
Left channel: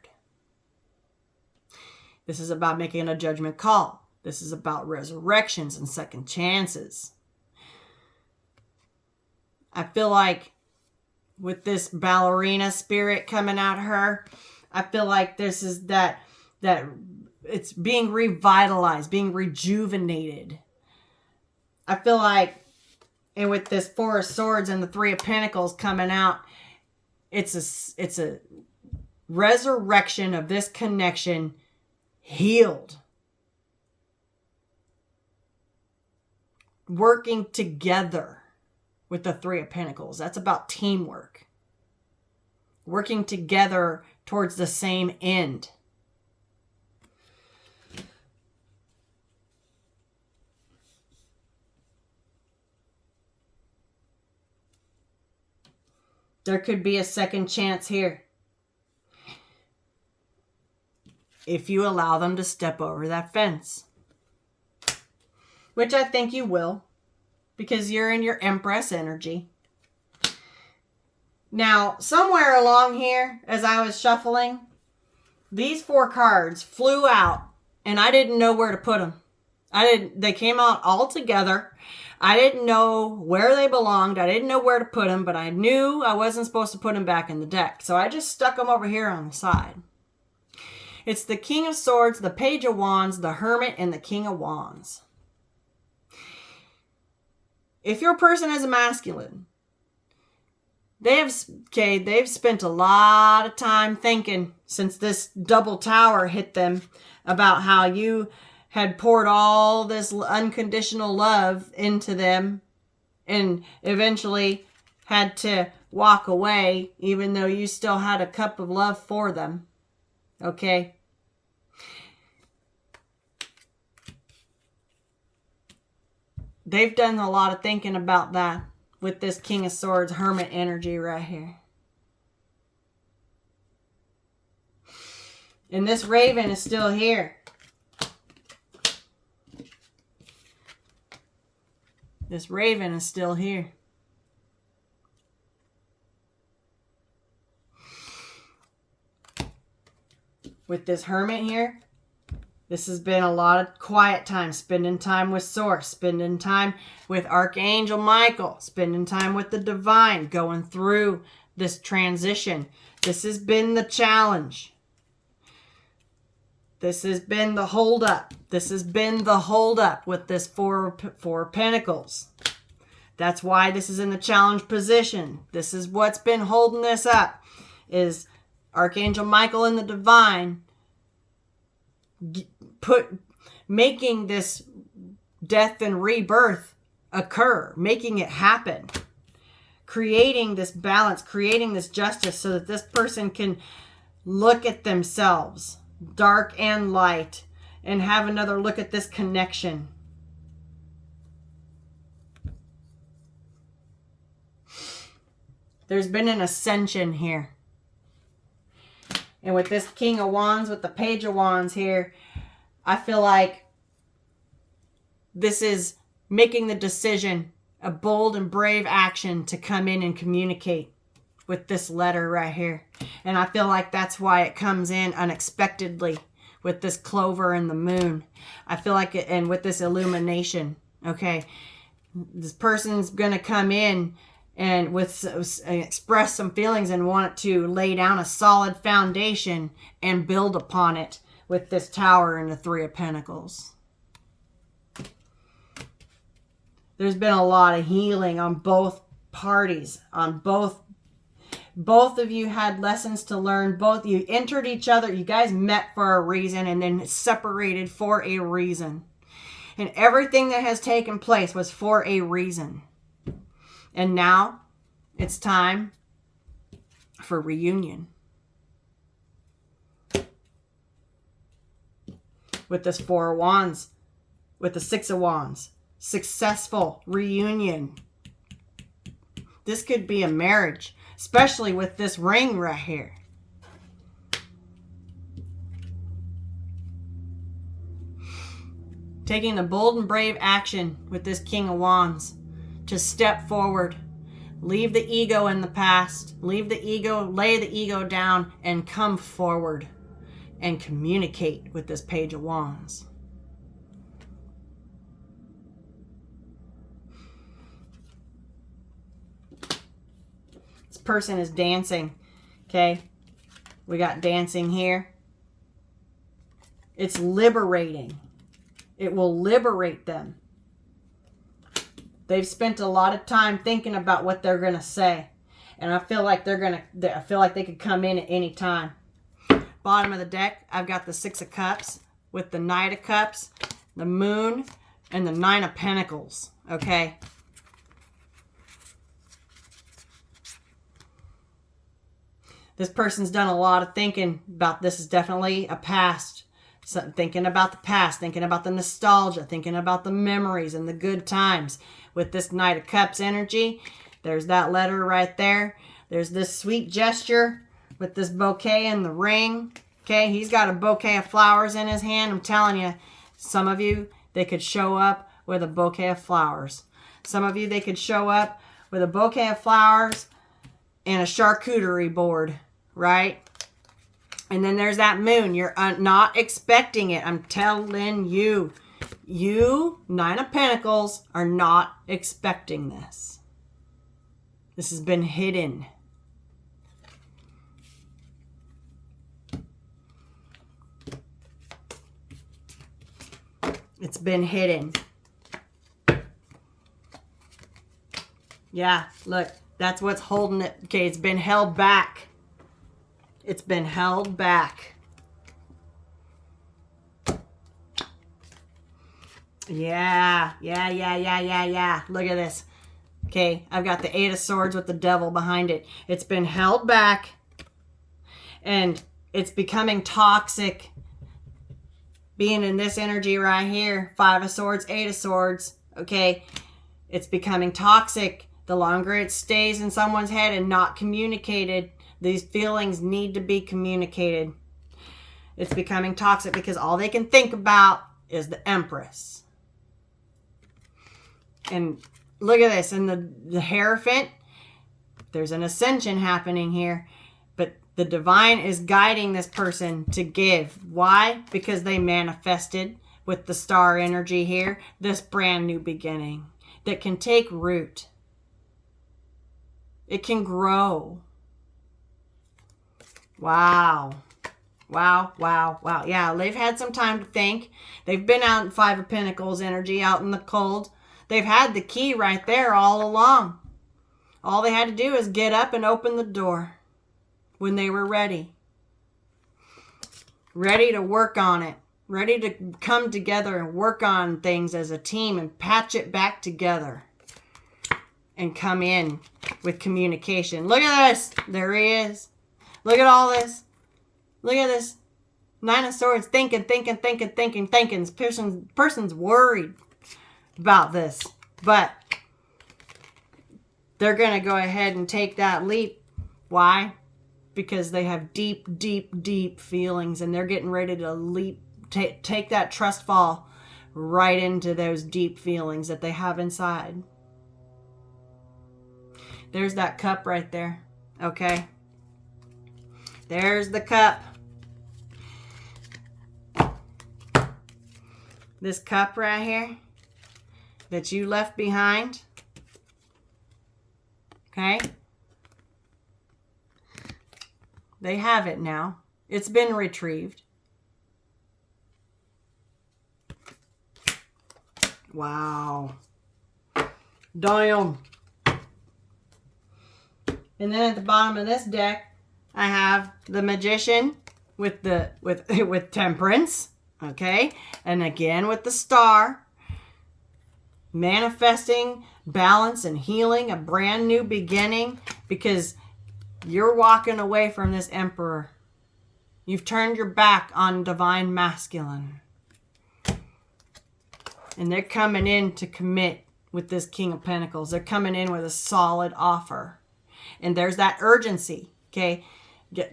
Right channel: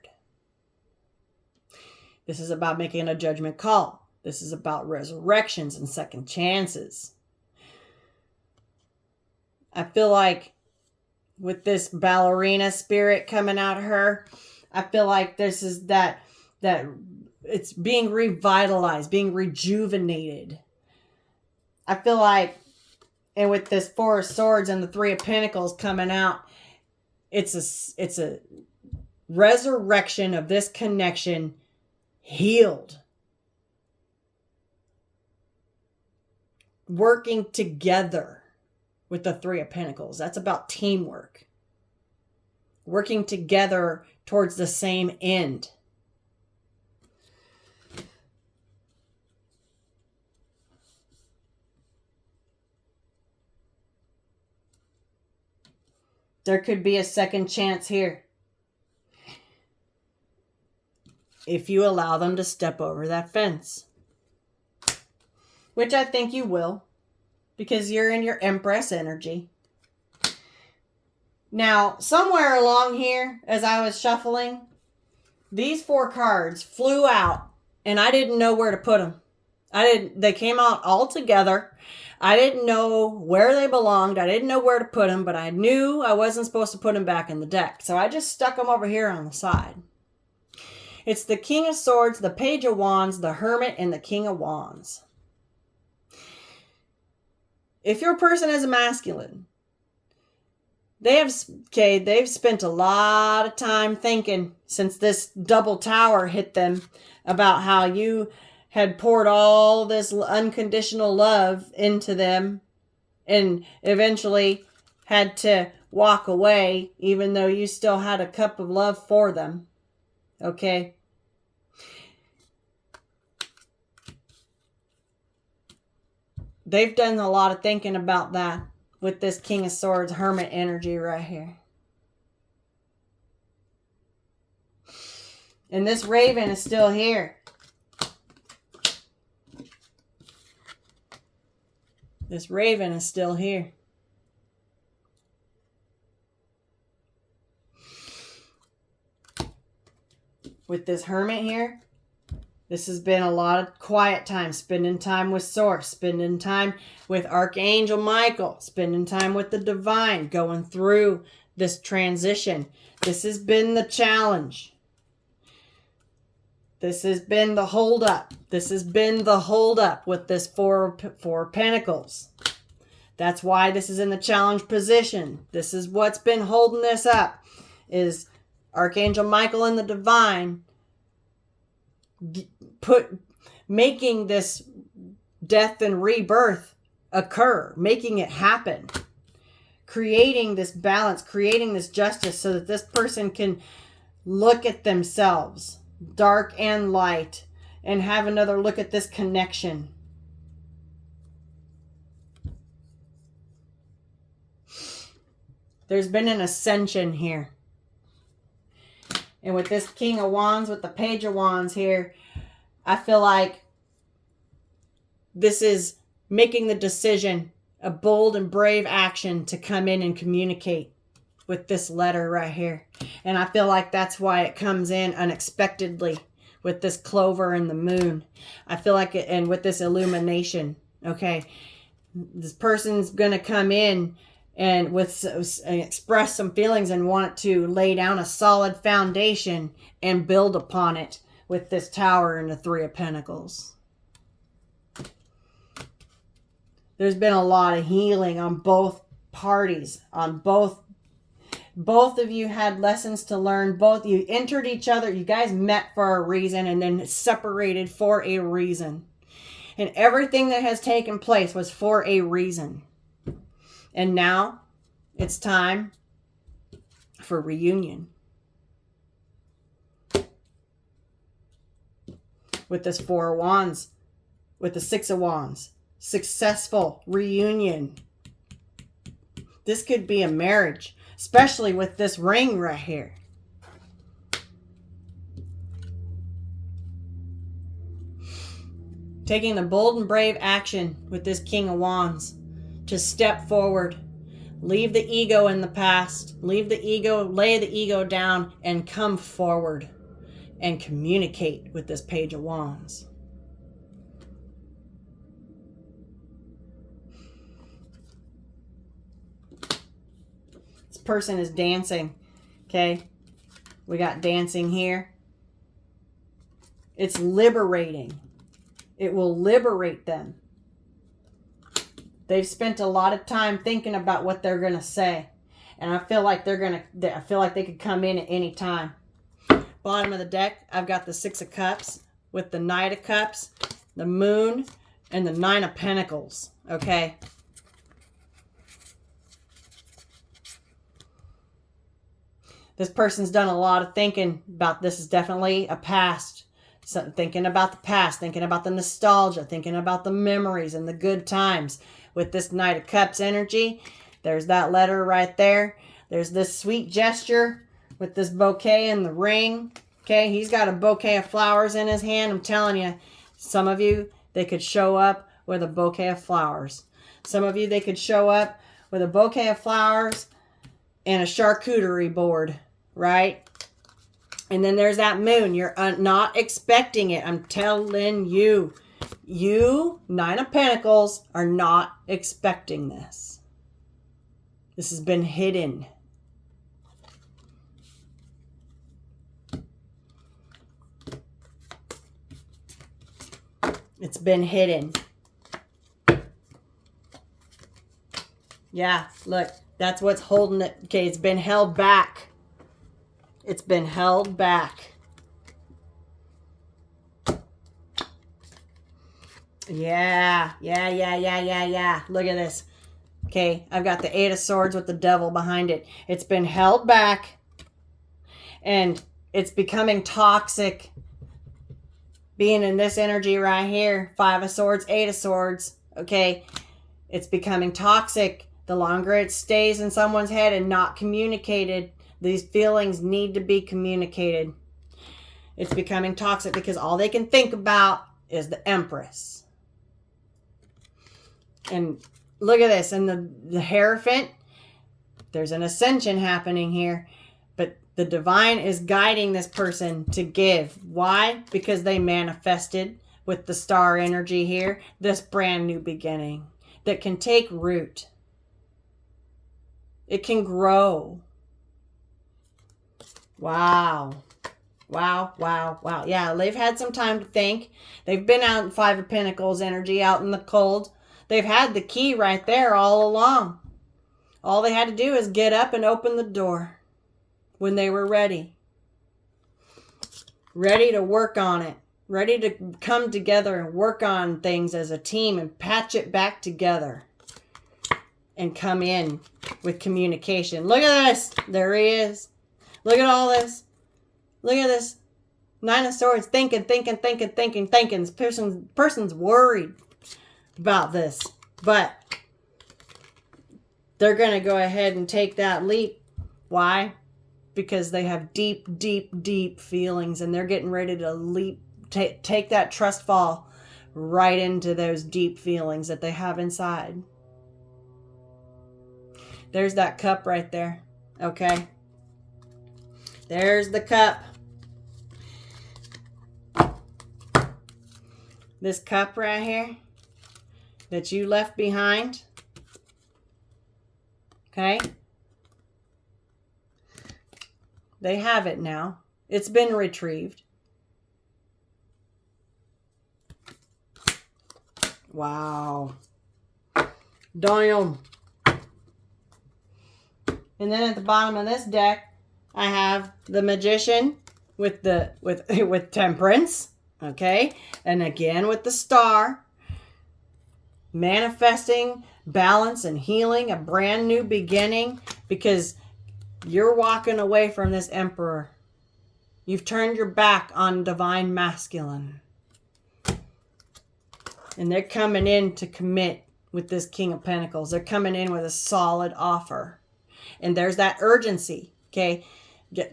This is about making a judgment call. This is about resurrections and second chances. I feel like with this ballerina spirit coming out of her, I feel like this is that it's being revitalized, being rejuvenated. I feel like, and with this Four of Swords and the Three of Pentacles coming out, it's a resurrection of this connection, healed. Working together with the Three of Pentacles. That's about teamwork. Working together towards the same end. There could be a second chance here. If you allow them to step over that fence. Which I think you will. Because you're in your Empress energy. Now, somewhere along here, as I was shuffling, these four cards flew out. And I didn't know where to put them. They came out all together. I didn't know where they belonged. I didn't know where to put them, but I knew I wasn't supposed to put them back in the deck. So I just stuck them over here on the side. It's the King of Swords, the Page of Wands, the Hermit, and the King of Wands. If your person is a masculine, they've spent a lot of time thinking since this double tower hit them about how you had poured all this unconditional love into them and eventually had to walk away even though you still had a cup of love for them. Okay? They've done a lot of thinking about that with this King of Swords Hermit energy right here. And this Raven is still here. This Raven is still here. With this Hermit here, this has been a lot of quiet time, spending time with Source, spending time with Archangel Michael, spending time with the Divine, going through this transition. This has been the challenge. This has been the holdup. This has been the holdup with this four of Pentacles. That's why this is in the challenge position. This is what's been holding this up, is Archangel Michael and the Divine making this death and rebirth occur, making it happen, creating this balance, creating this justice so that this person can look at themselves, dark and light, and have another look at this connection. There's been an ascension here. And with this King of Wands, with the Page of Wands here, I feel like this is making the decision, a bold and brave action to come in and communicate with this letter right here. And I feel like that's why it comes in unexpectedly with this Clover and the Moon. I feel like it, and with this illumination, okay, this person's going to come in and express some feelings and want to lay down a solid foundation and build upon it with this Tower and the Three of Pentacles. There's been a lot of healing on both parties, on both of you had lessons to learn. Both you entered each other. You guys met for a reason and then separated for a reason. And everything that has taken place was for a reason. And now it's time for reunion. With this Four of Wands, with the Six of Wands, successful reunion. This could be a marriage, especially with this ring right here. Taking the bold and brave action with this King of Wands to step forward, leave the ego in the past, leave the ego, lay the ego down, and come forward and communicate with this Page of Wands. This person is dancing, okay? We got dancing here. It's liberating. It will liberate them. They've spent a lot of time thinking about what they're going to say. And I feel like I feel like they could come in at any time. Bottom of the deck, I've got the Six of Cups with the Knight of Cups, the Moon, and the Nine of Pentacles. Okay. This person's done a lot of thinking about this. Is definitely a past. So thinking about the past, thinking about the nostalgia, thinking about the memories and the good times. With this Knight of Cups energy, there's that letter right there. There's this sweet gesture with this bouquet and the ring. Okay, he's got a bouquet of flowers in his hand. I'm telling you, some of you, they could show up with a bouquet of flowers. Some of you, they could show up with a bouquet of flowers and a charcuterie board, right? And then there's that moon. You're not expecting it. I'm telling you. You, Nine of Pentacles, are not expecting this. This has been hidden. It's been hidden. Yeah, look, that's what's holding it. Okay, it's been held back. It's been held back. Yeah. Look at this. Okay, I've got the Eight of Swords with the Devil behind it. It's been held back. And it's becoming toxic. Being in this energy right here. Five of Swords, Eight of Swords. Okay, it's becoming toxic. The longer it stays in someone's head and not communicated, these feelings need to be communicated. It's becoming toxic because all they can think about is the Empress. And look at this. And the Hierophant, there's an ascension happening here. But the divine is guiding this person to give. Why? Because they manifested with the star energy here this brand new beginning that can take root. It can grow. Wow. Wow, wow, wow. Yeah, they've had some time to think. They've been out in Five of Pentacles energy, out in the cold. They've had the key right there all along. All they had to do is get up and open the door when they were ready. Ready to work on it. Ready to come together and work on things as a team and patch it back together. And come in with communication. Look at this. There he is. Look at all this. Look at this. Nine of Swords. Thinking. This person's worried about this. But they're going to go ahead and take that leap. Why? Because they have deep feelings. And they're getting ready to leap. Take that trust fall right into those deep feelings that they have inside. There's that cup right there. Okay. There's the cup. This cup right here that you left behind. Okay. They have it now. It's been retrieved. Wow. Damn. And then at the bottom of this deck, I have the Magician with Temperance, okay? And again with the Star, manifesting balance and healing, a brand new beginning, because you're walking away from this Emperor. You've turned your back on divine masculine. And they're coming in to commit with this King of Pentacles. They're coming in with a solid offer. And there's that urgency, okay?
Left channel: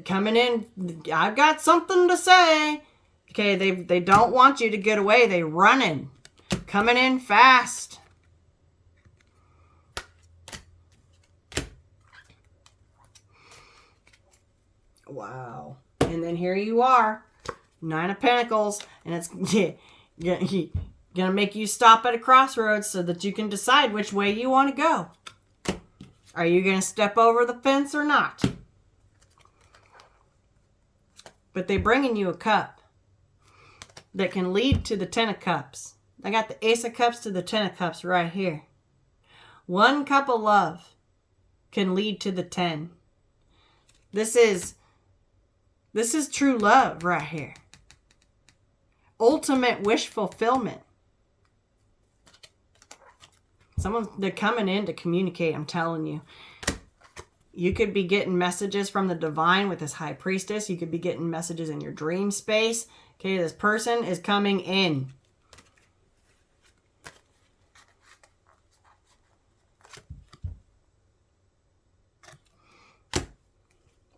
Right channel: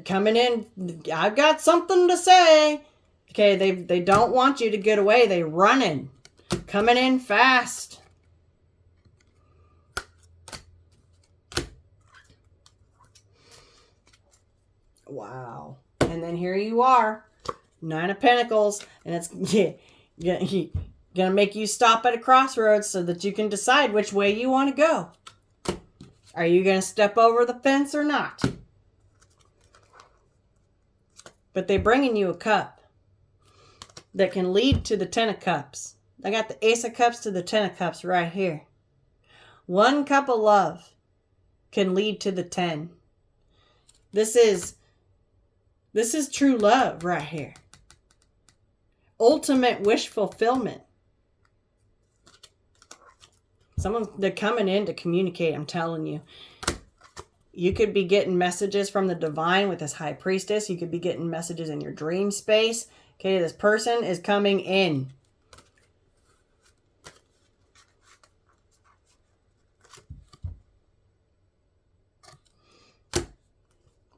Coming in, I've got something to say. Okay, they don't want you to get away. They running. Coming in fast. Wow. And then here you are. Nine of Pentacles. And it's gonna make you stop at a crossroads so that you can decide which way you want to go. Are you going to step over the fence or not? But they're bringing you a cup that can lead to the Ten of Cups. I got the Ace of Cups to the Ten of Cups right here. One cup of love can lead to the 10. This is true love right here. Ultimate wish fulfillment. They're coming in to communicate, I'm telling you. You could be getting messages from the divine with this High Priestess. You could be getting messages in your dream space. Okay, this person is coming in.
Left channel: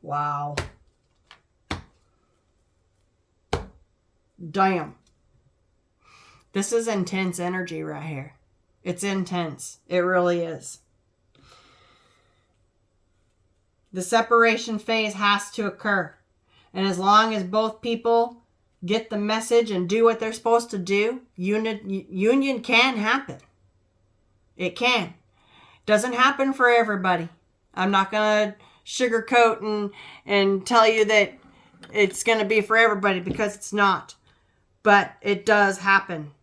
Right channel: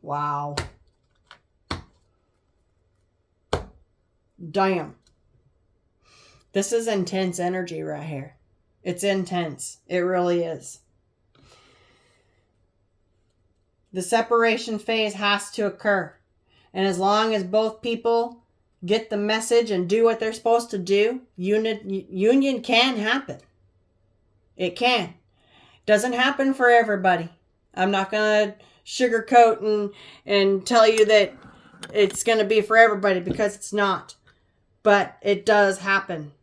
Wow. Damn. This is intense energy right here. It's intense. It really is. The separation phase has to occur. And as long as both people get the message and do what they're supposed to do, union can happen. It can. Doesn't happen for everybody. I'm not going to sugarcoat and tell you that it's going to be for everybody, because it's not. But it does happen.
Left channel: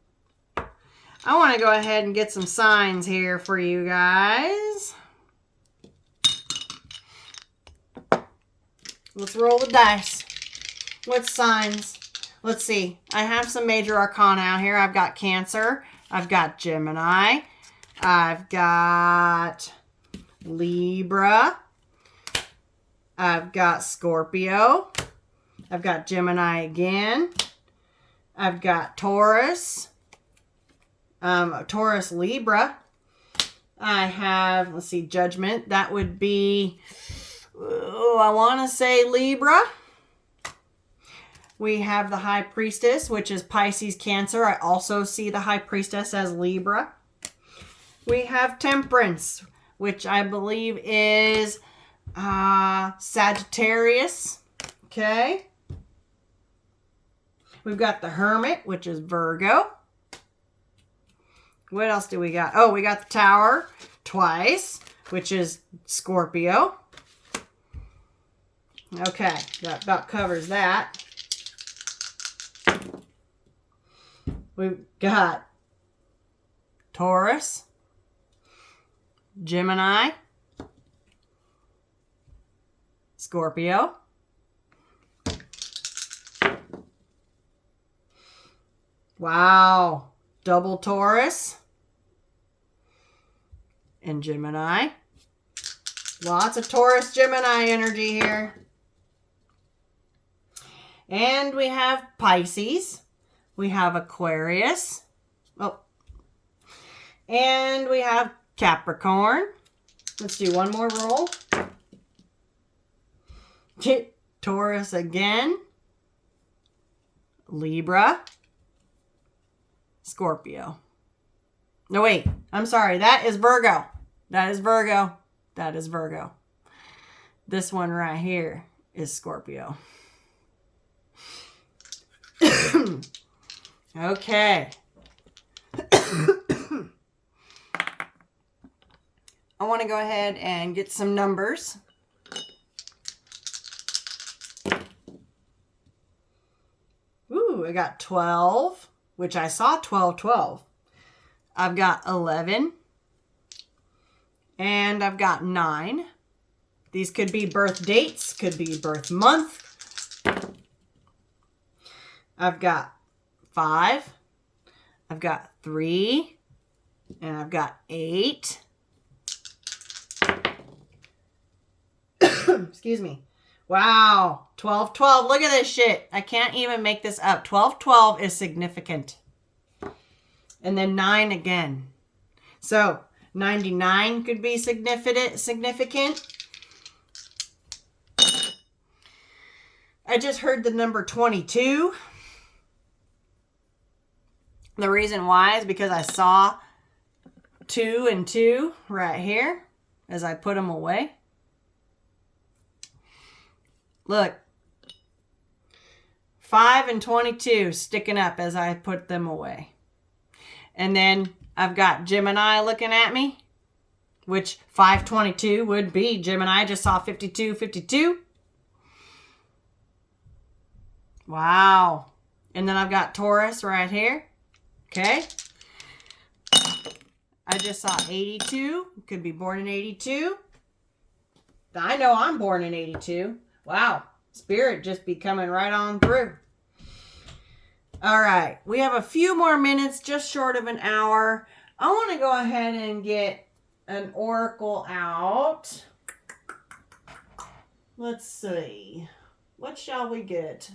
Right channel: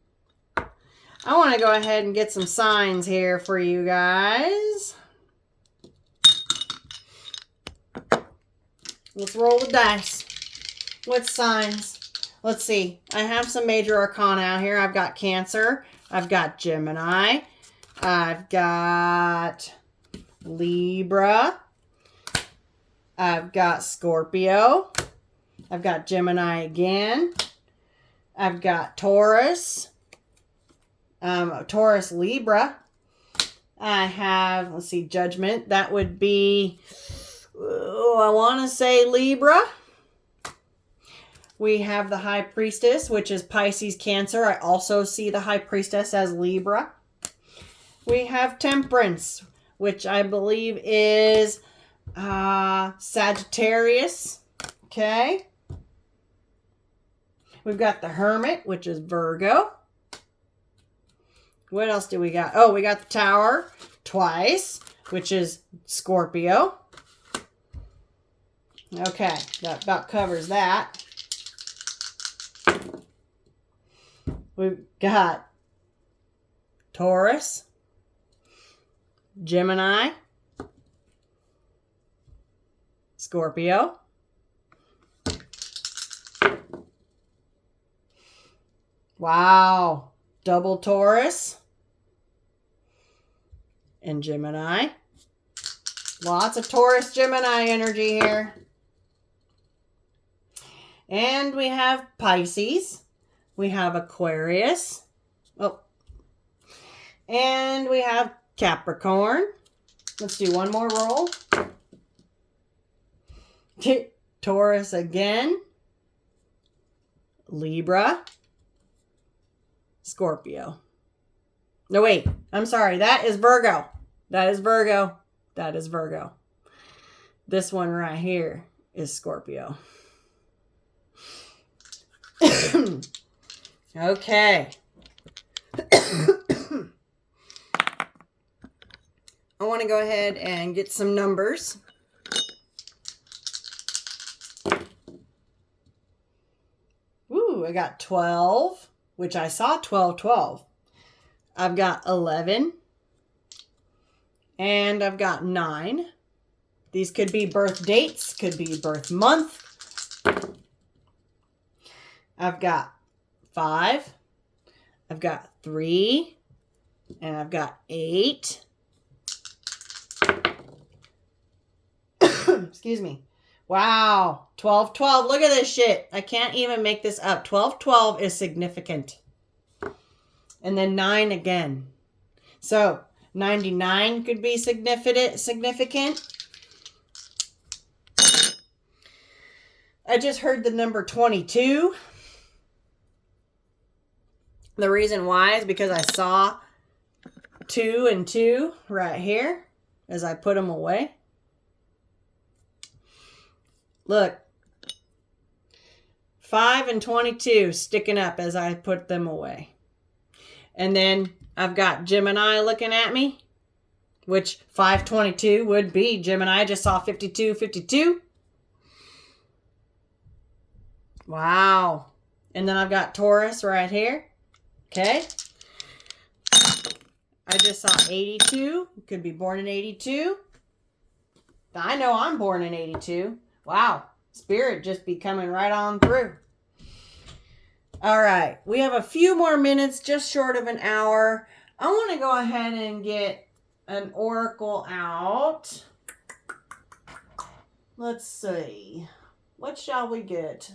I want to go ahead and get some signs here for you guys. Let's roll the dice. What signs? Let's see. I have some major arcana out here. I've got Cancer. I've got Gemini. I've got Libra. I've got Scorpio. I've got Gemini again. I've got Taurus. Taurus, Libra. I have, let's see, Judgment. That would be, I want to say Libra. We have the High Priestess, which is Pisces, Cancer. I also see the High Priestess as Libra. We have Temperance, which I believe is Sagittarius. Okay. We've got the Hermit, which is Virgo. What else do we got? Oh, we got the Tower twice, which is Scorpio. Okay, that about covers that. We've got Taurus, Gemini, Scorpio, wow, double Taurus and Gemini. Lots of Taurus, Gemini energy here. And we have Pisces. We have Aquarius. Oh. And we have Capricorn. Let's do one more roll. Taurus again. Libra. Scorpio. No, wait. I'm sorry. That is Virgo. That is Virgo. That is Virgo. This one right here is Scorpio. Okay. I want to go ahead and get some numbers. Ooh, I got 12, which I saw 12, 12. I've got 11. And I've got 9. These could be birth dates, could be birth month. I've got 5. I've got 3. And I've got 8. Excuse me. Wow. 12, 12. Look at this shit. I can't even make this up. 12, 12 is significant. And then 9 again. So 99 could be significant. I just heard the number 22. The reason why is because I saw 2 and 2 right here as I put them away. Look. 5 and 22 sticking up as I put them away. And then I've got Gemini looking at me, which 522 would be Gemini. I just saw 52, 52. Wow. And then I've got Taurus right here. Okay. I just saw 82. Could be born in 82. I know I'm born in 82. Wow. Spirit just be coming right on through. All right. We have a few more minutes, just short of an hour. I want to go ahead and get an oracle out. Let's see. What shall we get?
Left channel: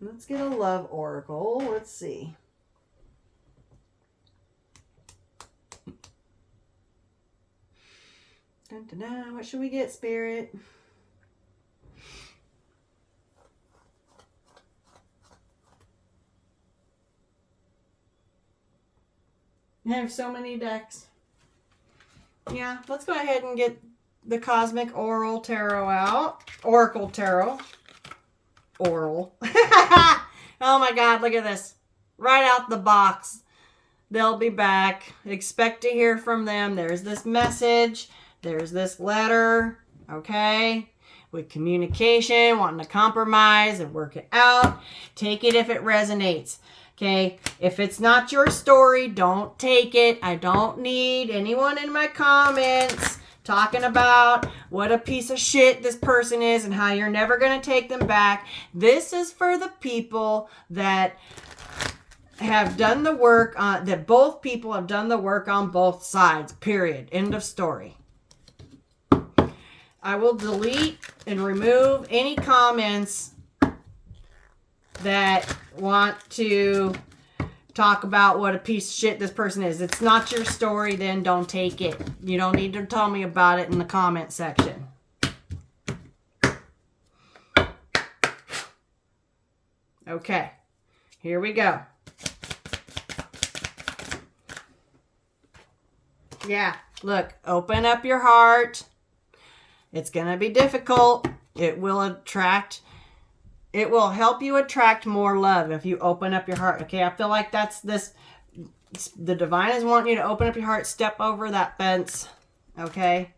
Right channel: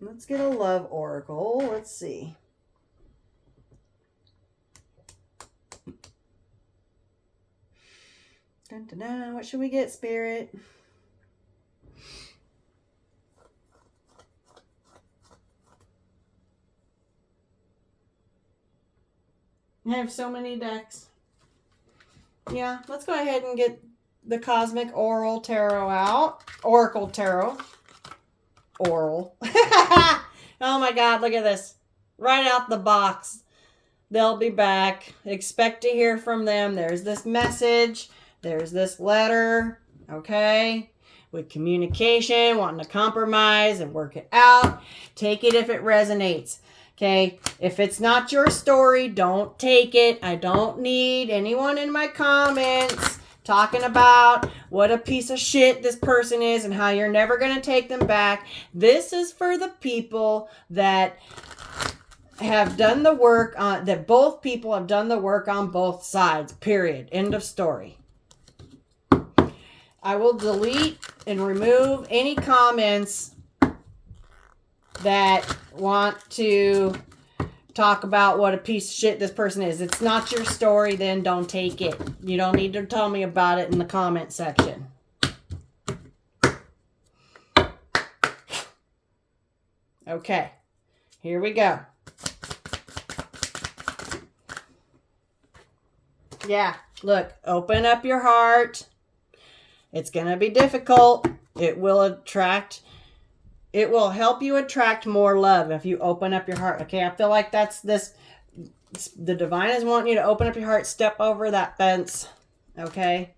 Let's get a love oracle. Let's see. Dun, dun, dun. What should we get, Spirit? I have so many decks. Yeah, let's go ahead and get the Cosmic Oral Tarot out. Oracle Tarot. Oral. Oh my God, look at this. Right out the box. They'll be back. Expect to hear from them. There's this message. There's this letter. Okay? With communication, wanting to compromise and work it out. Take it if it resonates. Okay? If it's not your story, don't take it. I don't need anyone in my comments talking about what a piece of shit this person is and how you're never going to take them back. This is for the people that have done the work on, that both people have done the work on both sides, period. End of story. I will delete and remove any comments that want to talk about what a piece of shit this person is. It's not your story, then don't take it. You don't need to tell me about it in the comment section. Okay, here we go. Yeah, look, open up your heart. It's going to be difficult. It will help you attract more love if you open up your heart. Okay, I feel like that's this. The divine is wanting you to open up your heart, step over that fence. Okay,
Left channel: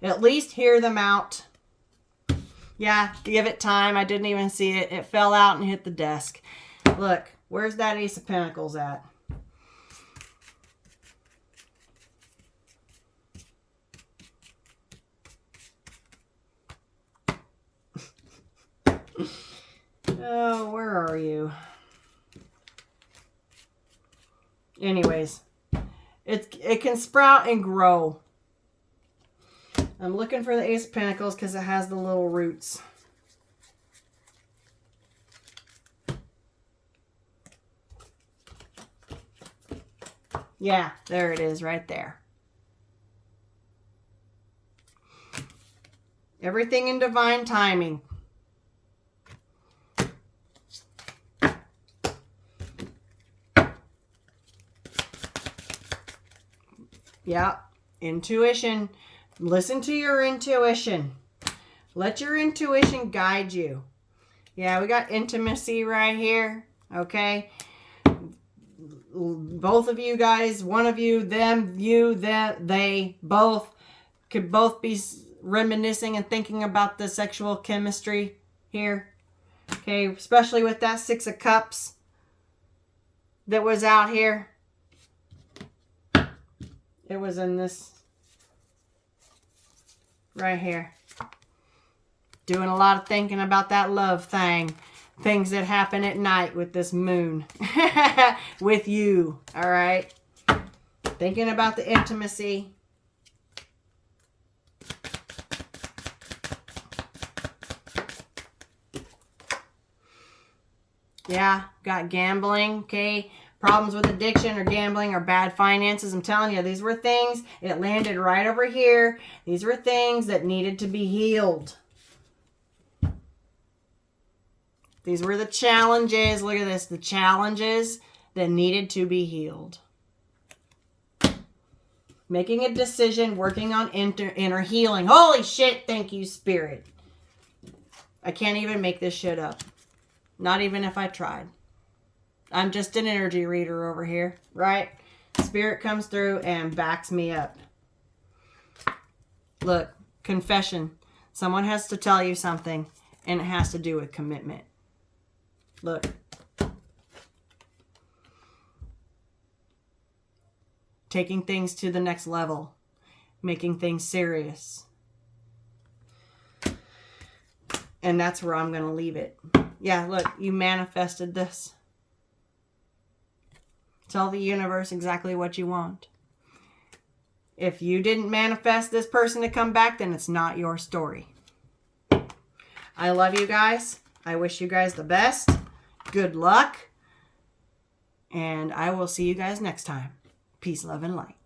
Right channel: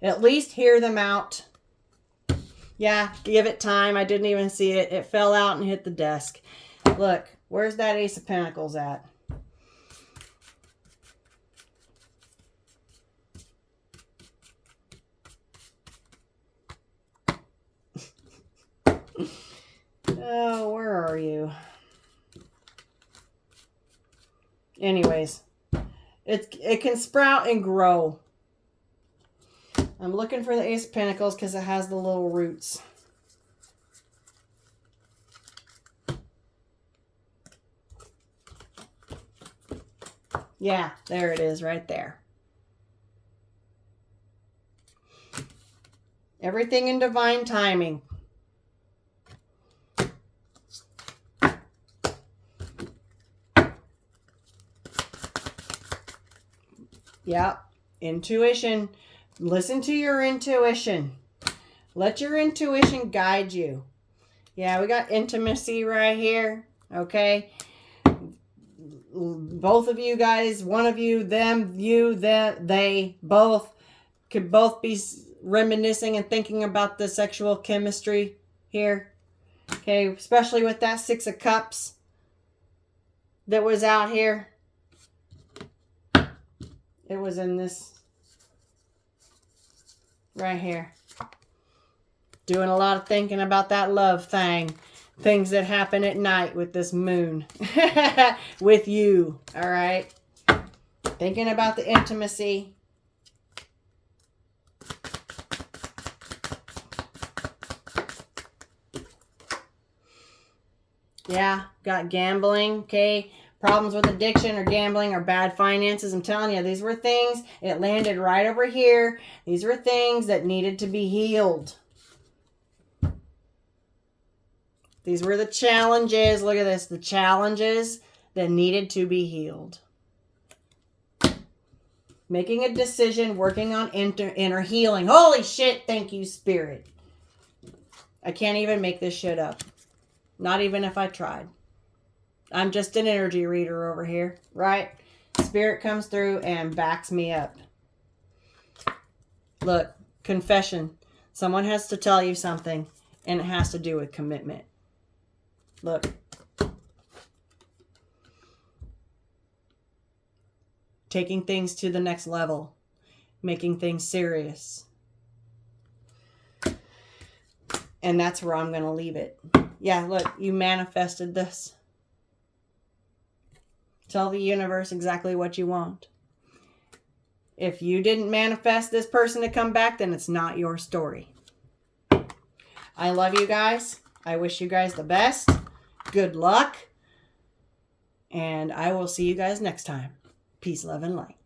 at least hear them out. Yeah, give it time. I didn't even see it. It fell out and hit the desk. Look, where's that Ace of Pentacles at? Oh, where are you? Anyways, it can sprout and grow. I'm looking for the Ace of Pentacles because it has the little roots. Yeah, there it is right there. Everything in divine timing. Yeah, intuition. Listen to your intuition. Let your intuition guide you. Yeah, we got intimacy right here. Okay. Both of you guys, one of you, them, you, them, they, both could both be reminiscing and thinking about the sexual chemistry here. Okay, especially with that Six of Cups that was out here. It was in this right here. Doing a lot of thinking about that love thing. Things that happen at night with this moon. With you. All right. Thinking about the intimacy. Yeah. Got gambling. Okay. Problems with addiction or gambling or bad finances. I'm telling you, these were things. It landed right over here. These were things that needed to be healed. These were the challenges. Look at this. The challenges that needed to be healed. Making a decision, working on inner healing. Holy shit. Thank you, Spirit. I can't even make this shit up. Not even if I tried. I'm just an energy reader over here, right? Spirit comes through and backs me up. Look, confession. Someone has to tell you something, and it has to do with commitment. Look. Taking things to the next level. Making things serious. And that's where I'm going to leave it. Yeah, look, you manifested this. Tell the universe exactly what you want. If you didn't manifest this person to come back, then it's not your story. I love you guys. I wish you guys the best. Good luck. And I will see you guys next time. Peace, love, and light.